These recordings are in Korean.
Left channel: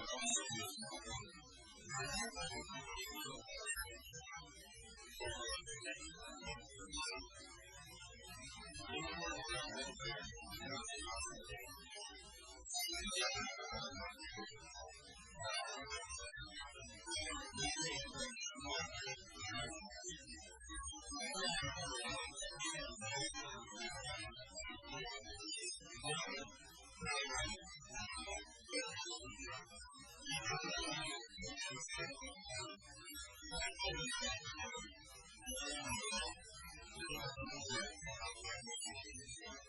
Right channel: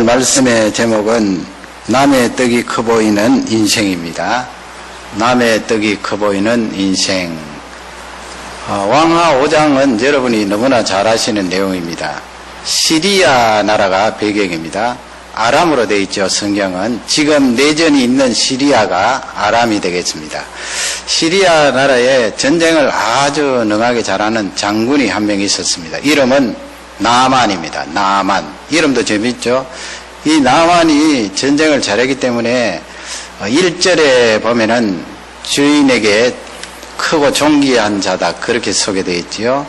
오늘 말씀의 제목은 남의 떡이 커 보이는 인생입니다. 남의 떡이 커 보이는 인생. 왕하 5장은 여러분이 너무나 잘 아시는 내용입니다. 시리아 나라가 배경입니다. 아람으로 되어 있죠. 성경은 지금 내전이 있는 시리아가 아람이 되겠습니다. 시리아 나라에 전쟁을 아주 능하게 잘하는 장군이 한 명 있었습니다. 이름은 나만입니다. 나만. 이름도 재밌죠. 이 나만이 전쟁을 잘했기 때문에 1절에 보면은 주인에게 크고 존귀한 자다, 그렇게 소개되어 있지요.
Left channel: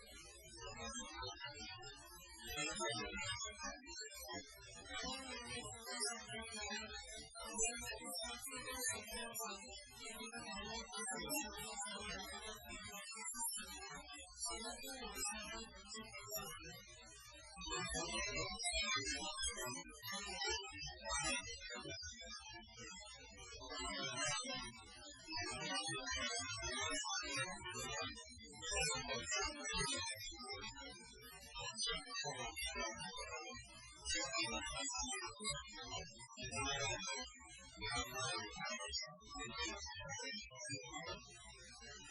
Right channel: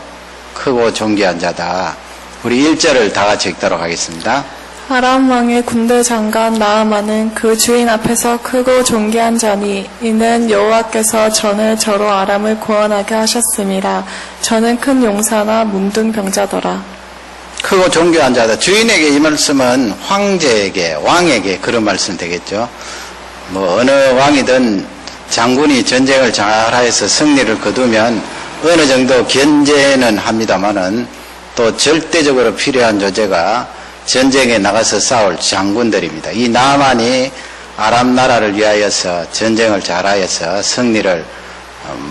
크고 존귀한 자다. 우리 1절을 다 같이 읽도록 하겠습니다. 아람 왕의 군대 장관 나아만은 그 주인 앞에서 크고 존귀한 자니 이는 여호와께서 전에 저로 아람을 구원하게 하셨습니다. 저는 큰 용사나 문둥 병자더라. 크고 존귀한 자다. 주인에게 이 말씀은 황제에게, 왕에게 그런 말씀 되겠죠. 어느 왕이든 장군이 전쟁을 잘해서 승리를 거두면 어느 정도 견제는 합니다만은 또 절대적으로 필요한 존재가 전쟁에 나가서 싸울 장군들입니다. 이 나만이 아람 나라를 위하여서 전쟁을 잘하여서 승리를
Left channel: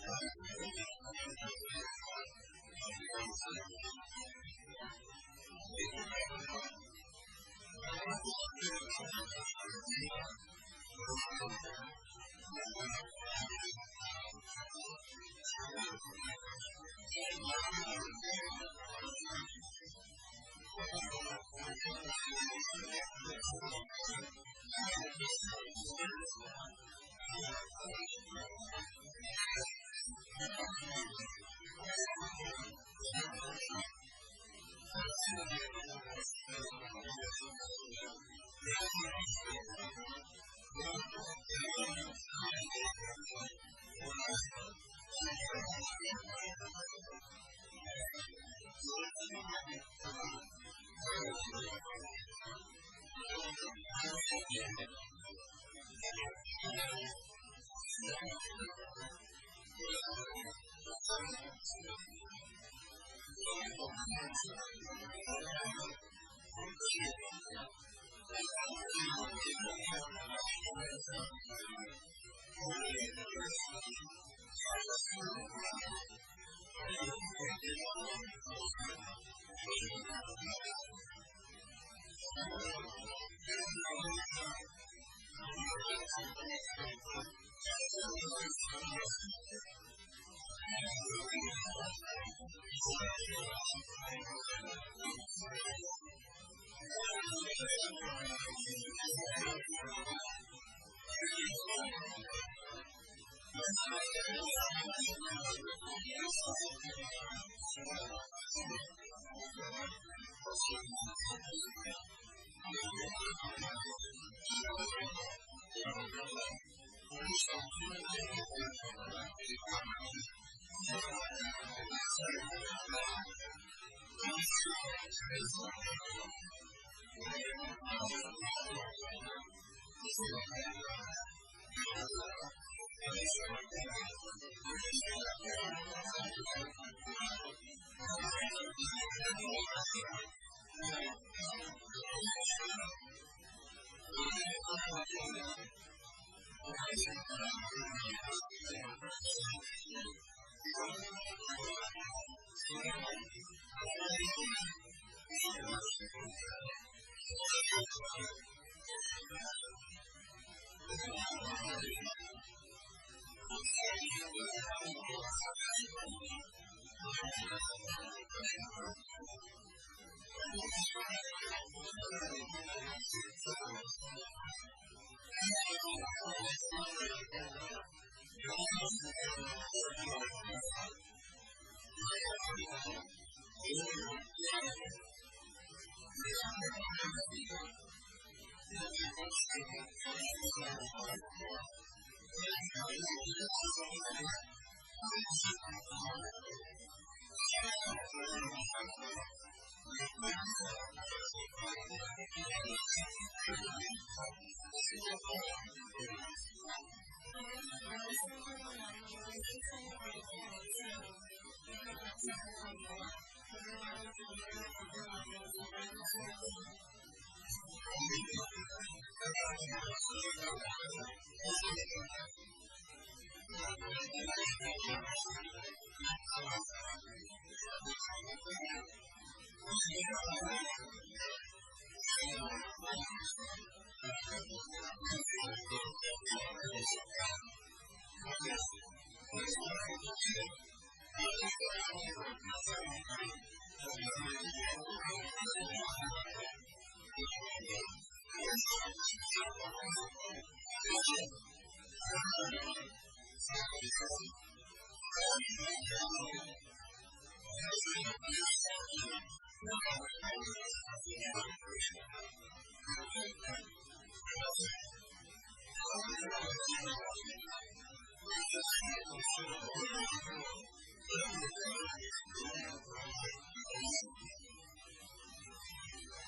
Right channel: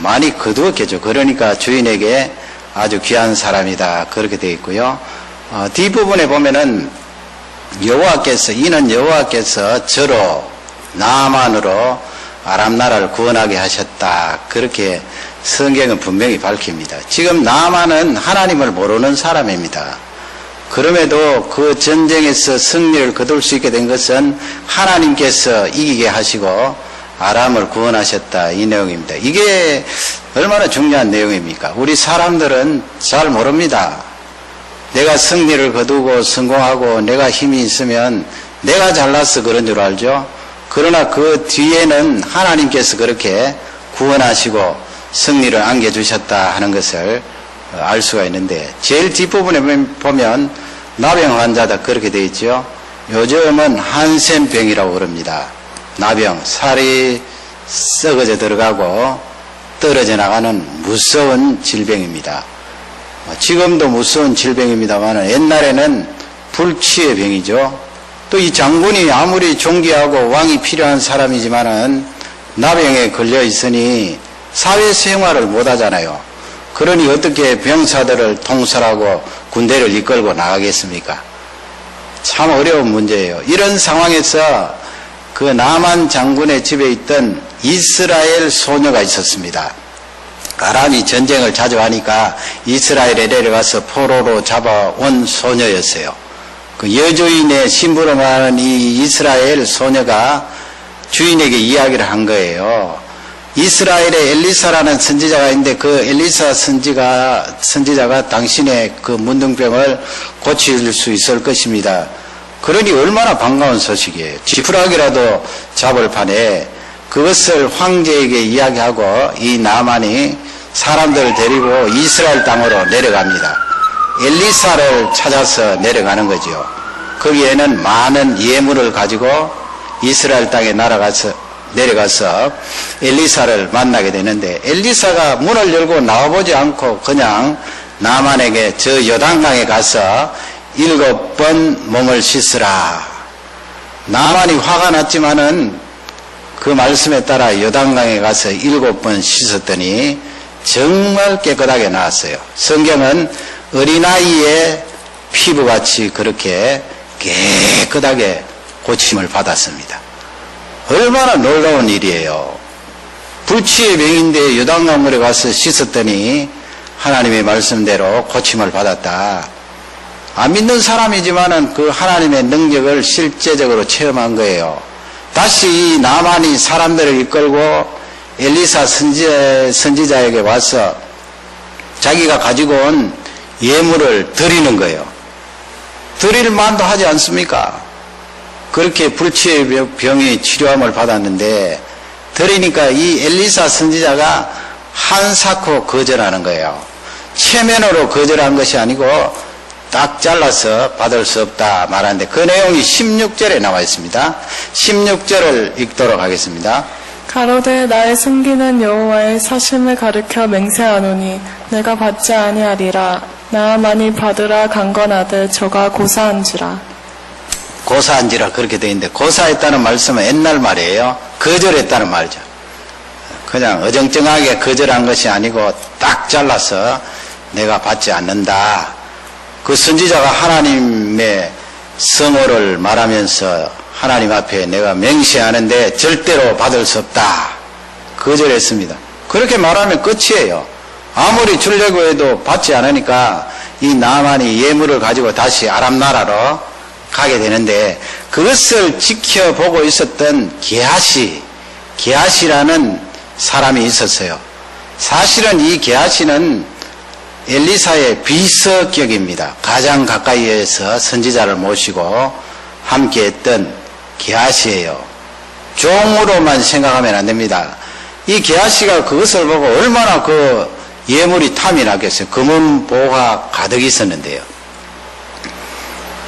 많이 거두었겠죠. 그러니까 주인에게 아주 귀한 사람이다, 그렇게 되어 있고요. 뒷부분에 보면은 이는 여호와께서 저로 나만으로 아람 나라를 구원하게 하셨다, 그렇게 성경은 분명히 밝힙니다. 지금 나만은 하나님을 모르는 사람입니다. 그럼에도 그 전쟁에서 승리를 거둘 수 있게 된 것은 하나님께서 이기게 하시고 아람을 구원하셨다, 이 내용입니다. 이게 얼마나 중요한 내용입니까? 우리 사람들은 잘 모릅니다. 내가 승리를 거두고 성공하고 내가 힘이 있으면 내가 잘나서 그런 줄 알죠. 그러나 그 뒤에는 하나님께서 그렇게 구원하시고 승리를 안겨주셨다 하는 것을 알 수가 있는데, 제일 뒷부분에 보면 나병 환자다, 그렇게 되어 있죠. 요즘은 한센병이라고 그럽니다. 나병, 살이 썩어져 들어가고 떨어져 나가는 무서운 질병입니다. 지금도 무서운 질병입니다만 옛날에는 불치의 병이죠. 또 이 장군이 아무리 존귀하고 왕이 필요한 사람이지만은 나병에 걸려 있으니 사회생활을 못하잖아요. 그러니 어떻게 병사들을 통솔하고 군대를 이끌고 나가겠습니까? 참 어려운 문제예요. 이런 상황에서 그 나만 장군의 집에 있던 이스라엘 소녀가 있었습니다. 아람이 전쟁을 자주 하니까 이스라엘에 내려가서 포로로 잡아온 소녀였어요. 그 여주인의 심부름 하는 이 이스라엘 소녀가 주인에게 이야기를 한 거예요. 이스라엘에 엘리사라는 선지자가 있는데 그 엘리사 선지자가 당신의 그 문둥병을 고칠 수 있을 것입니다. 그러니 얼마나 반가운 소식이에요. 지푸라기라도 잡을 판에 그것을 황제에게 이야기하고 이 나만이 사람들을 데리고 이스라엘 땅으로 내려갑니다. 엘리사를 찾아서 내려가는 거죠. 거기에는 많은 예물을 가지고 이스라엘 땅에 내려가서 엘리사를 만나게 되는데, 엘리사가 문을 열고 나와보지 않고 그냥 나만에게 저 요단강에 가서 7번 몸을 씻으라. 나만이 화가 났지만은 그 말씀에 따라 요단강에 가서 7번 씻었더니 정말 깨끗하게 나왔어요. 성경은 어린아이의 피부같이 그렇게 깨끗하게 고침을 받았습니다. 얼마나 놀라운 일이에요. 불치의 병인데 요단강물에 가서 씻었더니 하나님의 말씀대로 고침을 받았다. 안 믿는 사람이지만은 그 하나님의 능력을 실제적으로 체험한 거예요. 다시 나만이 사람들을 이끌고 엘리사 선지자에게 와서 자기가 가지고 온 예물을 드리는 거예요. 드릴 만도 하지 않습니까? 그렇게 불치의 병이 치료함을 받았는데 드리니까 이 엘리사 선지자가 한사코 거절하는 거예요. 체면으로 거절한 것이 아니고 딱 잘라서 받을 수 없다 말하는데, 그 내용이 16절에 나와 있습니다. 16절을 읽도록 하겠습니다. 가로되 나의 숨기는 여호와의 사심을 가르쳐 맹세하노니 내가 받지 아니하리라. 나만이 받으라 강건하되 저가 고사한지라. 고사한지라 그렇게 되어 있는데, 고사했다는 말씀은 옛날 말이에요. 거절했다는 말이죠. 그냥 어정쩡하게 거절한 것이 아니고 딱 잘라서 내가 받지 않는다. 그 선지자가 하나님의 성호를 말하면서 하나님 앞에 내가 맹세하는데 절대로 받을 수 없다. 거절했습니다. 그렇게 말하면 끝이에요. 아무리 주려고 해도 받지 않으니까 이 나만이 예물을 가지고 다시 아람 나라로 가게 되는데, 그것을 지켜보고 있었던 게하시라는 사람이 있었어요. 사실은 이 게하시는 엘리사의 비서격입니다. 가장 가까이에서 선지자를 모시고 함께했던 게하시예요. 종으로만 생각하면 안 됩니다. 이 게하시가 그것을 보고 얼마나 그 예물이 탐이 났겠어요. 금은 보가 가득 있었는데요.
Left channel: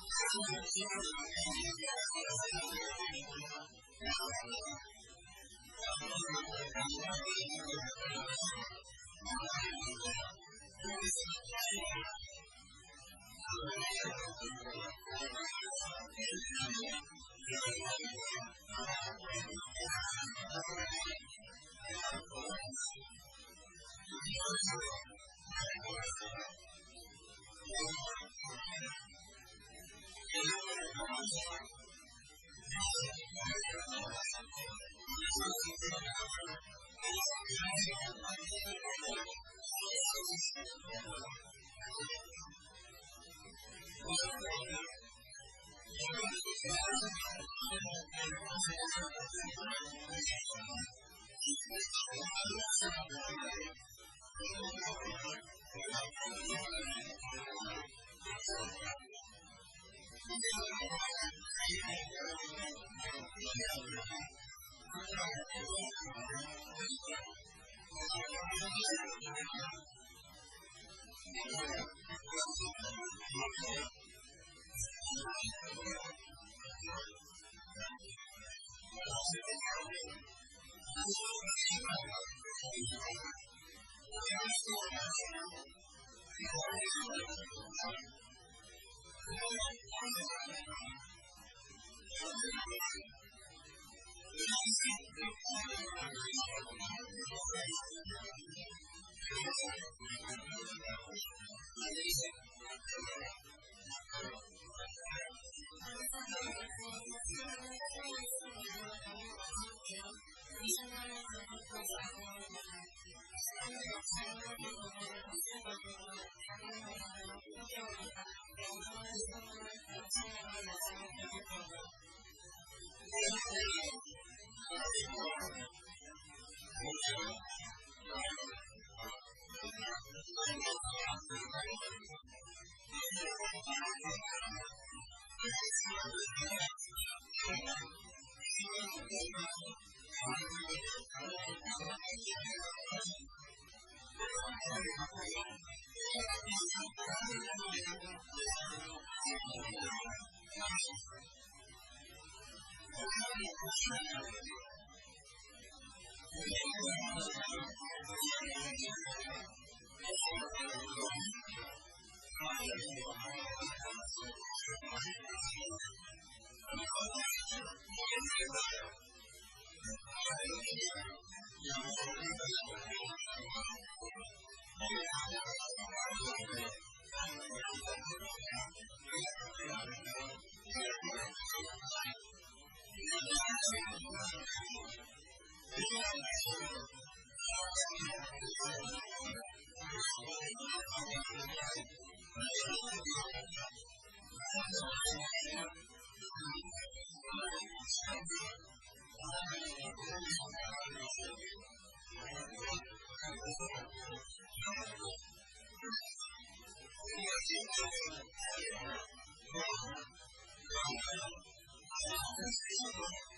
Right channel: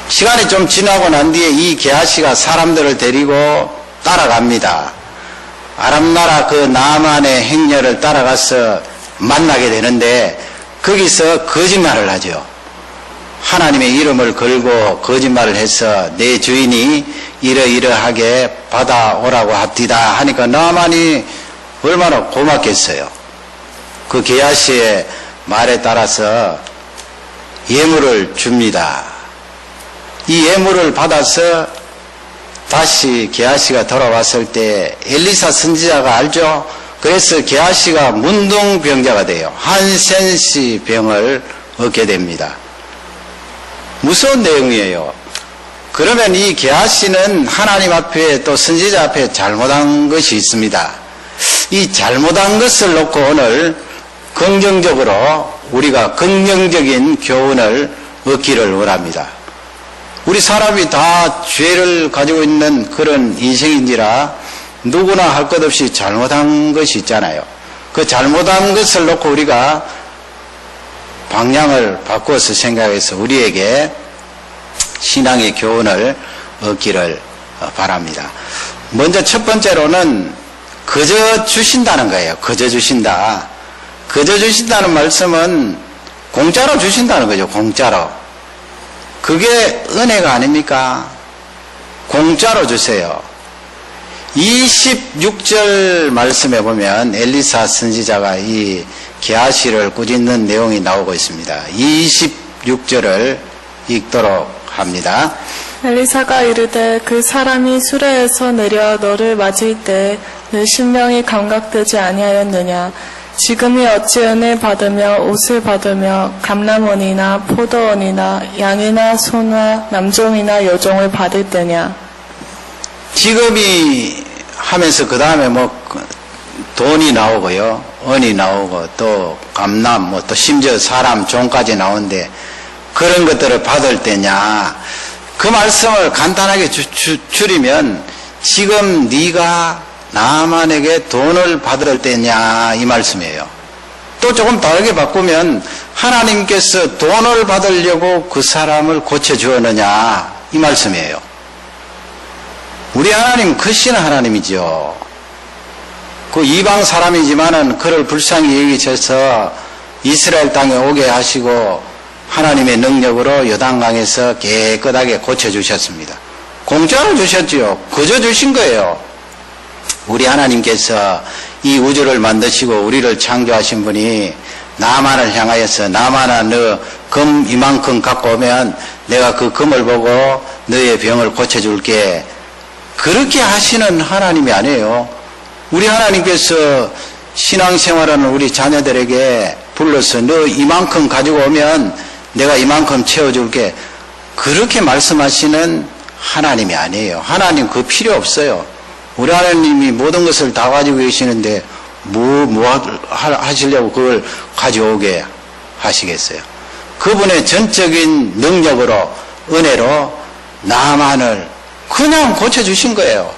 시간이 좀 지나고 난 뒤에 이 게하시가 사람들을 데리고 따라갑니다. 아람나라 그 나만의 행렬을 따라가서 만나게 되는데, 거기서 거짓말을 하죠. 하나님의 이름을 걸고 거짓말을 해서 내 주인이 이러이러하게 받아오라고 합디다 하니까 나만이 얼마나 고맙겠어요. 그 게하시의 말에 따라서 예물을 줍니다. 이 예물을 받아서 다시 게하시가 돌아왔을 때 엘리사 선지자가 알죠? 그래서 게하시가 문둥병자가 돼요. 한센시 병을 얻게 됩니다. 무서운 내용이에요. 그러면 이 게하시는 하나님 앞에 또 선지자 앞에 잘못한 것이 있습니다. 이 잘못한 것을 놓고 오늘 긍정적으로 우리가 긍정적인 교훈을 얻기를 원합니다. 우리 사람이 다 죄를 가지고 있는 그런 인생인지라 누구나 할 것 없이 잘못한 것이 있잖아요. 그 잘못한 것을 놓고 우리가 방향을 바꾸어서 생각해서 우리에게 신앙의 교훈을 얻기를 바랍니다. 먼저 첫 번째로는 거저 주신다는 거예요. 거저 주신다. 거저 주신다는 말씀은 공짜로 주신다는 거죠. 공짜로. 그게 은혜가 아닙니까? 공짜로 주세요. 26절 말씀에 보면 엘리사 선지자가 이 게하시를 꾸짖는 내용이 나오고 있습니다. 26절을 읽도록 합니다. 엘리사가 이르되 그 사람이 수레에서 내려 너를 맞을 때 내 심령이 감각되지 아니하였느냐. 지금이 어찌 은혜를 받으며 옷을 받으며 감람원이나 포도원이나 양이나 소나 남종이나 여종을 받을 때냐. 지금이 하면서 그 다음에 뭐 돈이 나오고요, 은이 나오고 또 감람, 뭐 또 심지어 사람 종까지 나오는데 그런 것들을 받을 때냐. 그 말씀을 간단하게 줄이면 지금 네가 나만에게 돈을 받을 때냐 이 말씀이에요. 또 조금 다르게 바꾸면 하나님께서 돈을 받으려고 그 사람을 고쳐주었느냐 이 말씀이에요. 우리 하나님 크신 하나님이죠. 그 이방 사람이지만은 그를 불쌍히 여기셔서 이스라엘 땅에 오게 하시고 하나님의 능력으로 요단강에서 깨끗하게 고쳐주셨습니다. 공짜로 주셨지요. 그저 주신 거예요. 우리 하나님께서 이 우주를 만드시고 우리를 창조하신 분이 나만을 향하여서 나만아 너 금 이만큼 갖고 오면 내가 그 금을 보고 너의 병을 고쳐줄게. 그렇게 하시는 하나님이 아니에요. 우리 하나님께서 신앙생활하는 우리 자녀들에게 불러서 너 이만큼 가지고 오면 내가 이만큼 채워줄게. 그렇게 말씀하시는 하나님이 아니에요. 하나님 그거 필요 없어요. 우리 하나님이 모든 것을 다 가지고 계시는데 뭐 하시려고 그걸 가져오게 하시겠어요. 그분의 전적인 능력으로 은혜로 나만을 그냥 고쳐주신 거예요.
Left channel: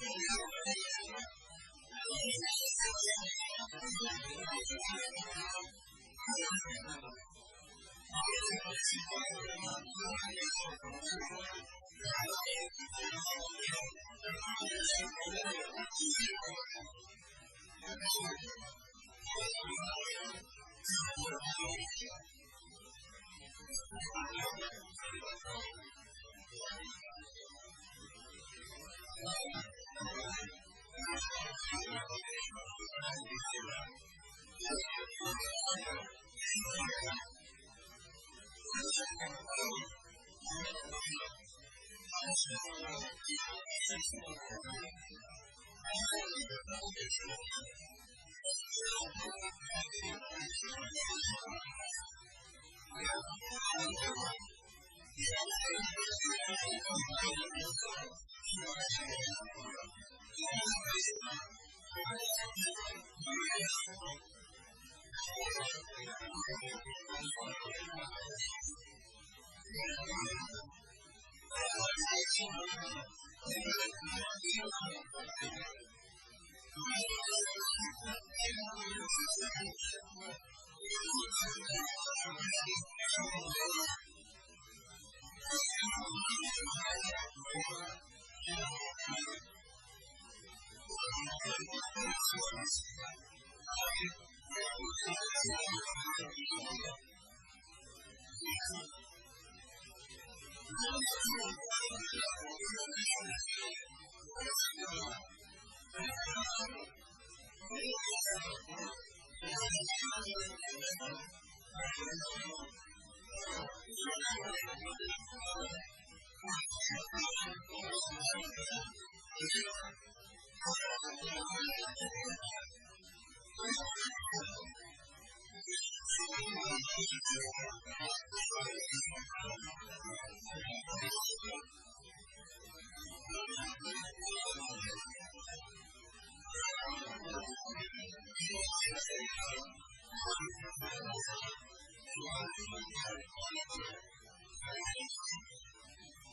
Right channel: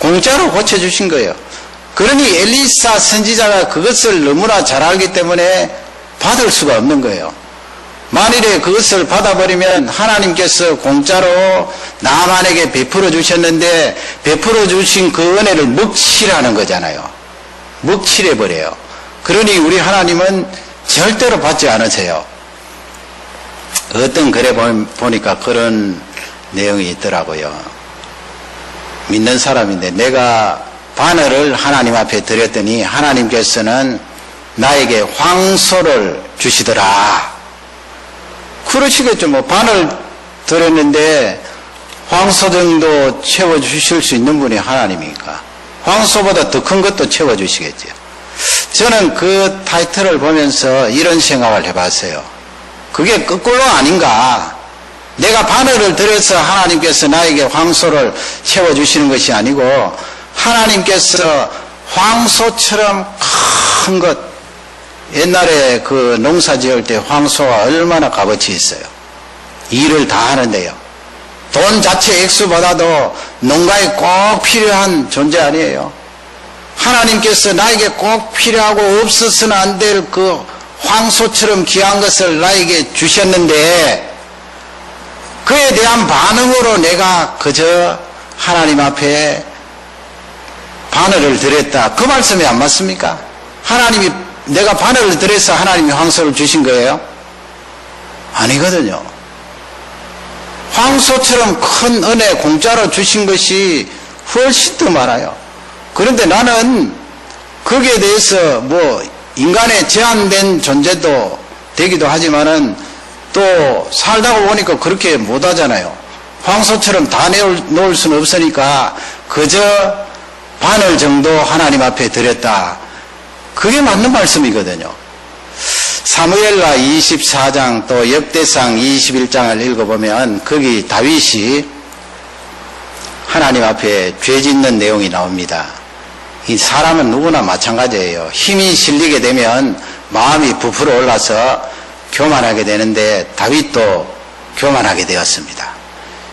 공짜로 고쳐주신 거예요. 그러니 엘리사 선지자가 그것을 너무나 잘 알기 때문에 받을 수가 없는 거예요. 만일에 그것을 받아버리면 하나님께서 공짜로 나만에게 베풀어 주셨는데 베풀어 주신 그 은혜를 먹칠하는 거잖아요. 먹칠해버려요. 그러니 우리 하나님은 절대로 받지 않으세요. 어떤 글에 보니까 그런 내용이 있더라고요. 믿는 사람인데 내가 바늘을 하나님 앞에 드렸더니 하나님께서는 나에게 황소를 주시더라. 그러시겠죠. 뭐 바늘 드렸는데 황소 정도 채워주실 수 있는 분이 하나님이니까 황소보다 더 큰 것도 채워주시겠죠. 저는 그 타이틀을 보면서 이런 생각을 해봤어요. 그게 거꾸로 아닌가. 내가 바늘을 들여서 하나님께서 나에게 황소를 채워주시는 것이 아니고 하나님께서 황소처럼 큰 것, 옛날에 그 농사 지을 때 황소가 얼마나 값어치 있어요. 일을 다 하는데요. 돈 자체 액수보다도 농가에 꼭 필요한 존재 아니에요. 하나님께서 나에게 꼭 필요하고 없어서는 안 될 그 황소처럼 귀한 것을 나에게 주셨는데 그에 대한 반응으로 내가 그저 하나님 앞에 바늘을 드렸다. 그 말씀이 안 맞습니까? 하나님이 내가 바늘을 드려서 하나님이 황소를 주신 거예요? 아니거든요. 황소처럼 큰 은혜 공짜로 주신 것이 훨씬 더 많아요. 그런데 나는 거기에 대해서 뭐 인간의 제한된 존재도 되기도 하지만은 또 살다가 보니까 그렇게 못 하잖아요. 황소처럼 다 놓을 수는 없으니까 그저 바늘 정도 하나님 앞에 드렸다. 그게 맞는 말씀이거든요. 사무엘라 24장 또 역대상 21장을 읽어보면 거기 다윗이 하나님 앞에 죄 짓는 내용이 나옵니다. 이 사람은 누구나 마찬가지예요. 힘이 실리게 되면 마음이 부풀어 올라서 교만하게 되는데 다윗도 교만하게 되었습니다.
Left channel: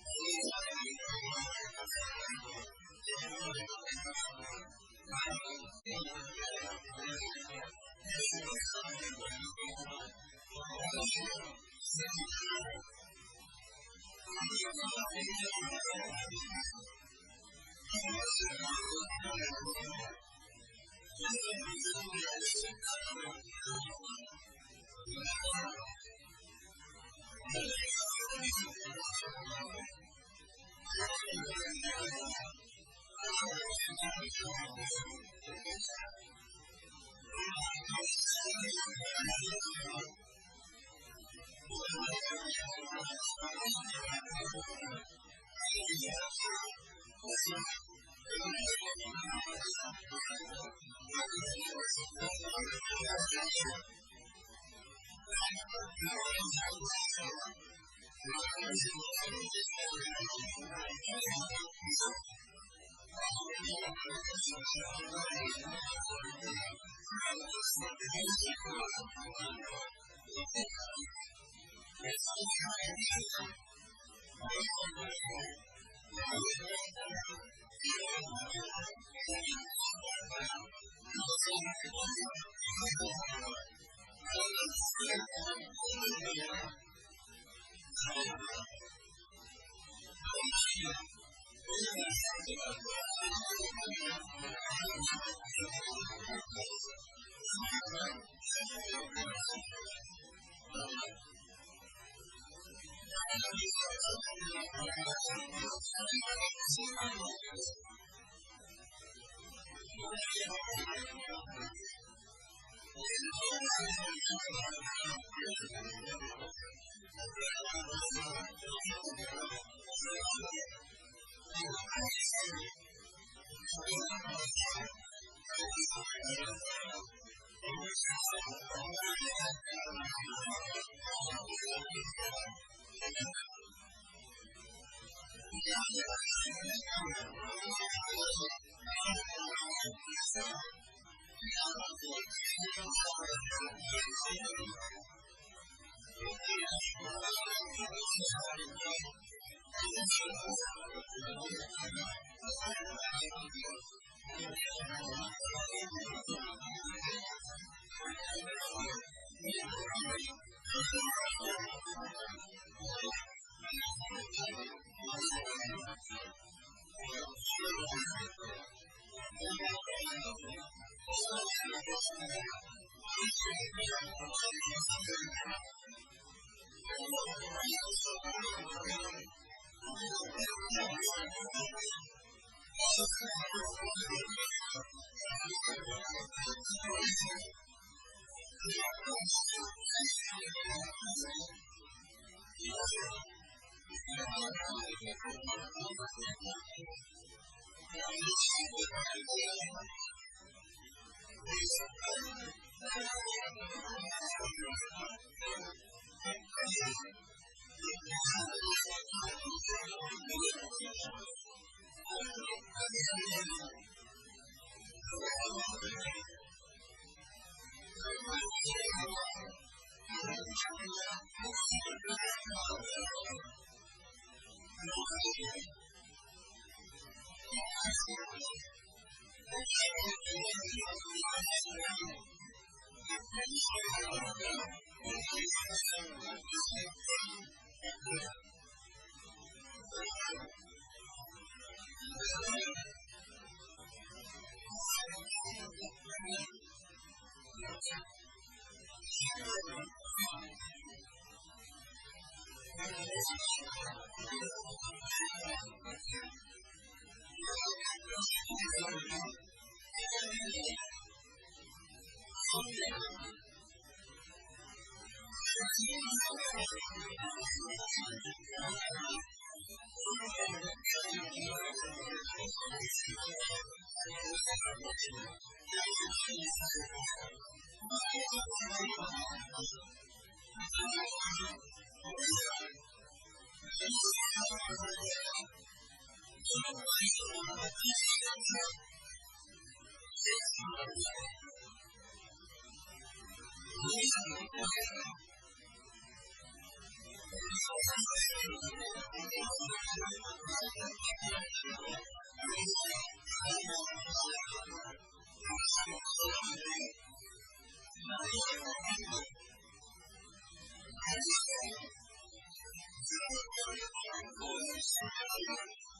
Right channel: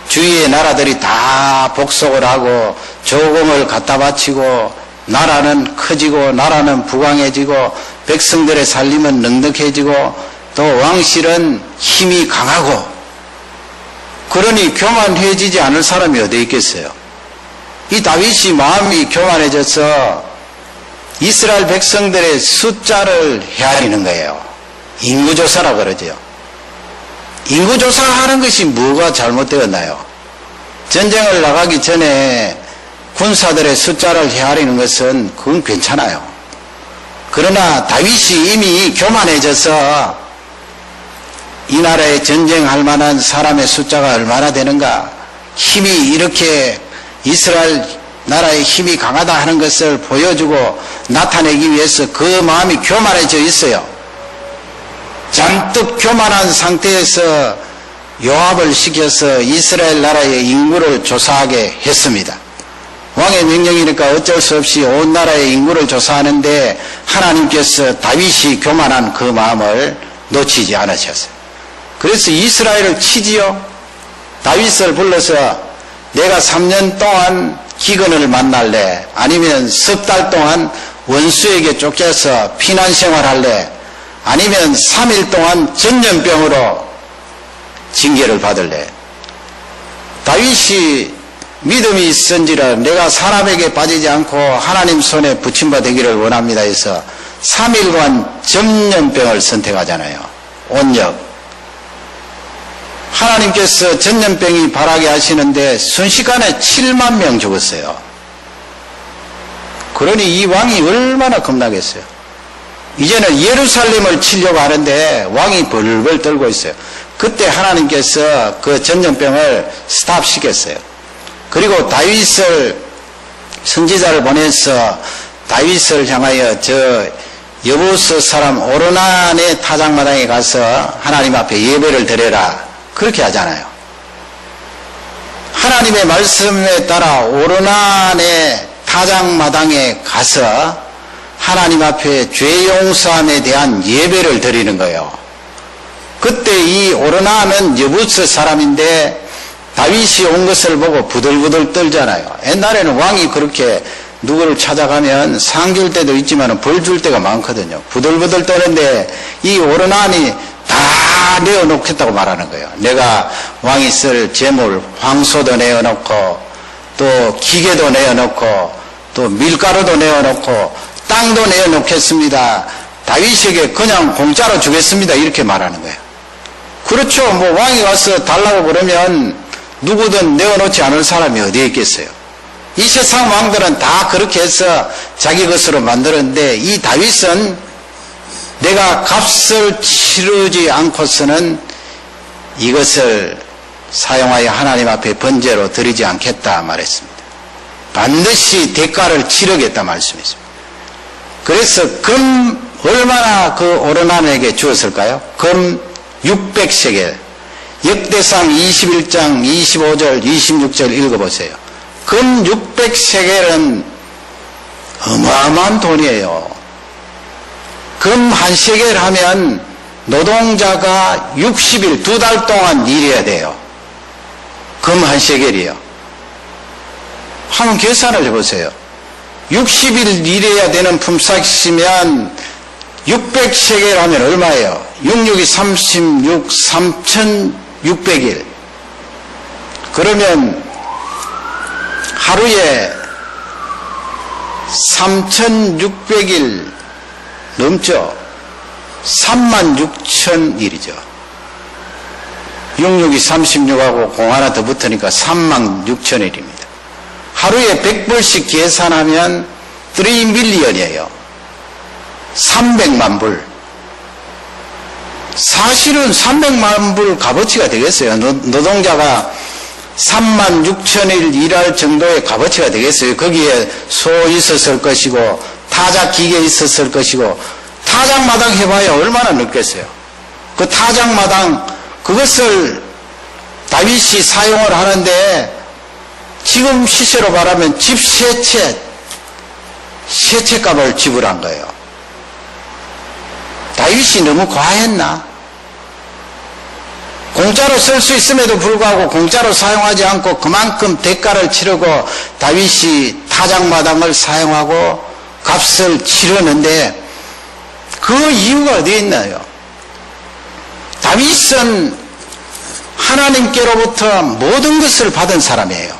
주위의 나라들이 다 복속을 하고 조공을 갖다 바치고 나라는 커지고 나라는 부강해지고 백성들의 살림은 넉넉해지고 또 왕실은 힘이 강하고 그러니 교만해지지 않을 사람이 어디 있겠어요. 이 다윗이 마음이 교만해져서 이스라엘 백성들의 숫자를 헤아리는 거예요. 인구조사라 그러죠. 인구조사하는 것이 뭐가 잘못되었나요? 전쟁을 나가기 전에 군사들의 숫자를 헤아리는 것은 그건 괜찮아요. 그러나 다윗이 이미 교만해져서 이 나라에 전쟁할 만한 사람의 숫자가 얼마나 되는가, 힘이 이렇게 이스라엘 나라의 힘이 강하다 하는 것을 보여주고 나타내기 위해서 그 마음이 교만해져 있어요. 잔뜩 교만한 상태에서 요압을 시켜서 이스라엘 나라의 인구를 조사하게 했습니다. 왕의 명령이니까 어쩔 수 없이 온 나라의 인구를 조사하는데 하나님께서 다윗이 교만한 그 마음을 놓치지 않으셨어요. 그래서 이스라엘을 치지요. 다윗을 불러서 내가 3년 동안 기근을 만날래, 아니면 석 달 동안 원수에게 쫓겨서 피난 생활할래, 아니면 3일 동안 전염병으로 징계를 받을래. 다윗이 믿음이 있은지라 내가 사람에게 빠지지 않고 하나님 손에 붙임바 되기를 원합니다 해서 3일간 전염병을 선택하잖아요. 온역. 하나님께서 전염병이 발하게 하시는데 순식간에 7만 명 죽었어요. 그러니 이 왕이 얼마나 겁나겠어요. 이제는 예루살렘을 치려고 하는데 왕이 벌벌 떨고 있어요. 그때 하나님께서 그 전염병을 스탑시켰어요. 그리고 다윗을, 선지자를 보내서 다윗을 향하여 저 여부스 사람 오르난의 타작마당에 가서 하나님 앞에 예배를 드려라, 그렇게 하잖아요. 하나님의 말씀에 따라 오르난의 타작마당에 가서 하나님 앞에 죄 용서함에 대한 예배를 드리는 거예요. 그때 이 오르난은 여부스 사람인데 다윗이 온 것을 보고 부들부들 떨잖아요. 옛날에는 왕이 그렇게 누구를 찾아가면 상 줄 때도 있지만 벌 줄 때가 많거든요. 부들부들 떠는데 이 오르난이 다 내어놓겠다고 말하는 거예요. 내가 왕이 쓸 재물, 황소도 내어놓고 또 기계도 내어놓고 또 밀가루도 내어놓고 땅도 내어놓겠습니다. 다윗에게 그냥 공짜로 주겠습니다. 이렇게 말하는 거예요. 그렇죠. 뭐 왕이 와서 달라고 그러면 누구든 내어놓지 않을 사람이 어디에 있겠어요? 이 세상 왕들은 다 그렇게 해서 자기 것으로 만들었는데 이 다윗은 내가 값을 치르지 않고서는 이것을 사용하여 하나님 앞에 번제로 드리지 않겠다 말했습니다. 반드시 대가를 치르겠다 말씀했습니다. 그래서 금 얼마나 그 오르난에게 주었을까요? 금 600세겔. 역대상 21장 25절 26절 읽어보세요. 금 600세겔은 어마어마한 돈이에요. 금 한 세겔 하면 노동자가 60일, 2달 동안 일해야 돼요. 금 한 세겔이요. 한번 계산을 해보세요. 60일 일해야 되는 품삯이면 600세겔 하면 얼마예요? 66이 36, 3600일. 그러면 하루에 3600일 넘죠? 36,000일이죠. 66이 36하고 공 하나 더 붙으니까 36,000일입니다. 하루에 100불씩 계산하면 3밀리언이에요. 300만 불. 사실은 300만 불 값어치가 되겠어요. 노동자가 36,000일 일할 정도의 값어치가 되겠어요. 거기에 소 있었을 것이고 타작 기계 있었을 것이고 타작마당 해봐야 얼마나 늦겠어요. 그 타작마당 그것을 다윗이 사용을 하는데 지금 시세로 말하면 집 세 채 값을 지불한 거예요. 다윗이 너무 과했나? 공짜로 쓸 수 있음에도 불구하고 공짜로 사용하지 않고 그만큼 대가를 치르고 다윗이 타작마당을 사용하고 값을 치르는데 그 이유가 어디에 있나요? 다윗은 하나님께로부터 모든 것을 받은 사람이에요.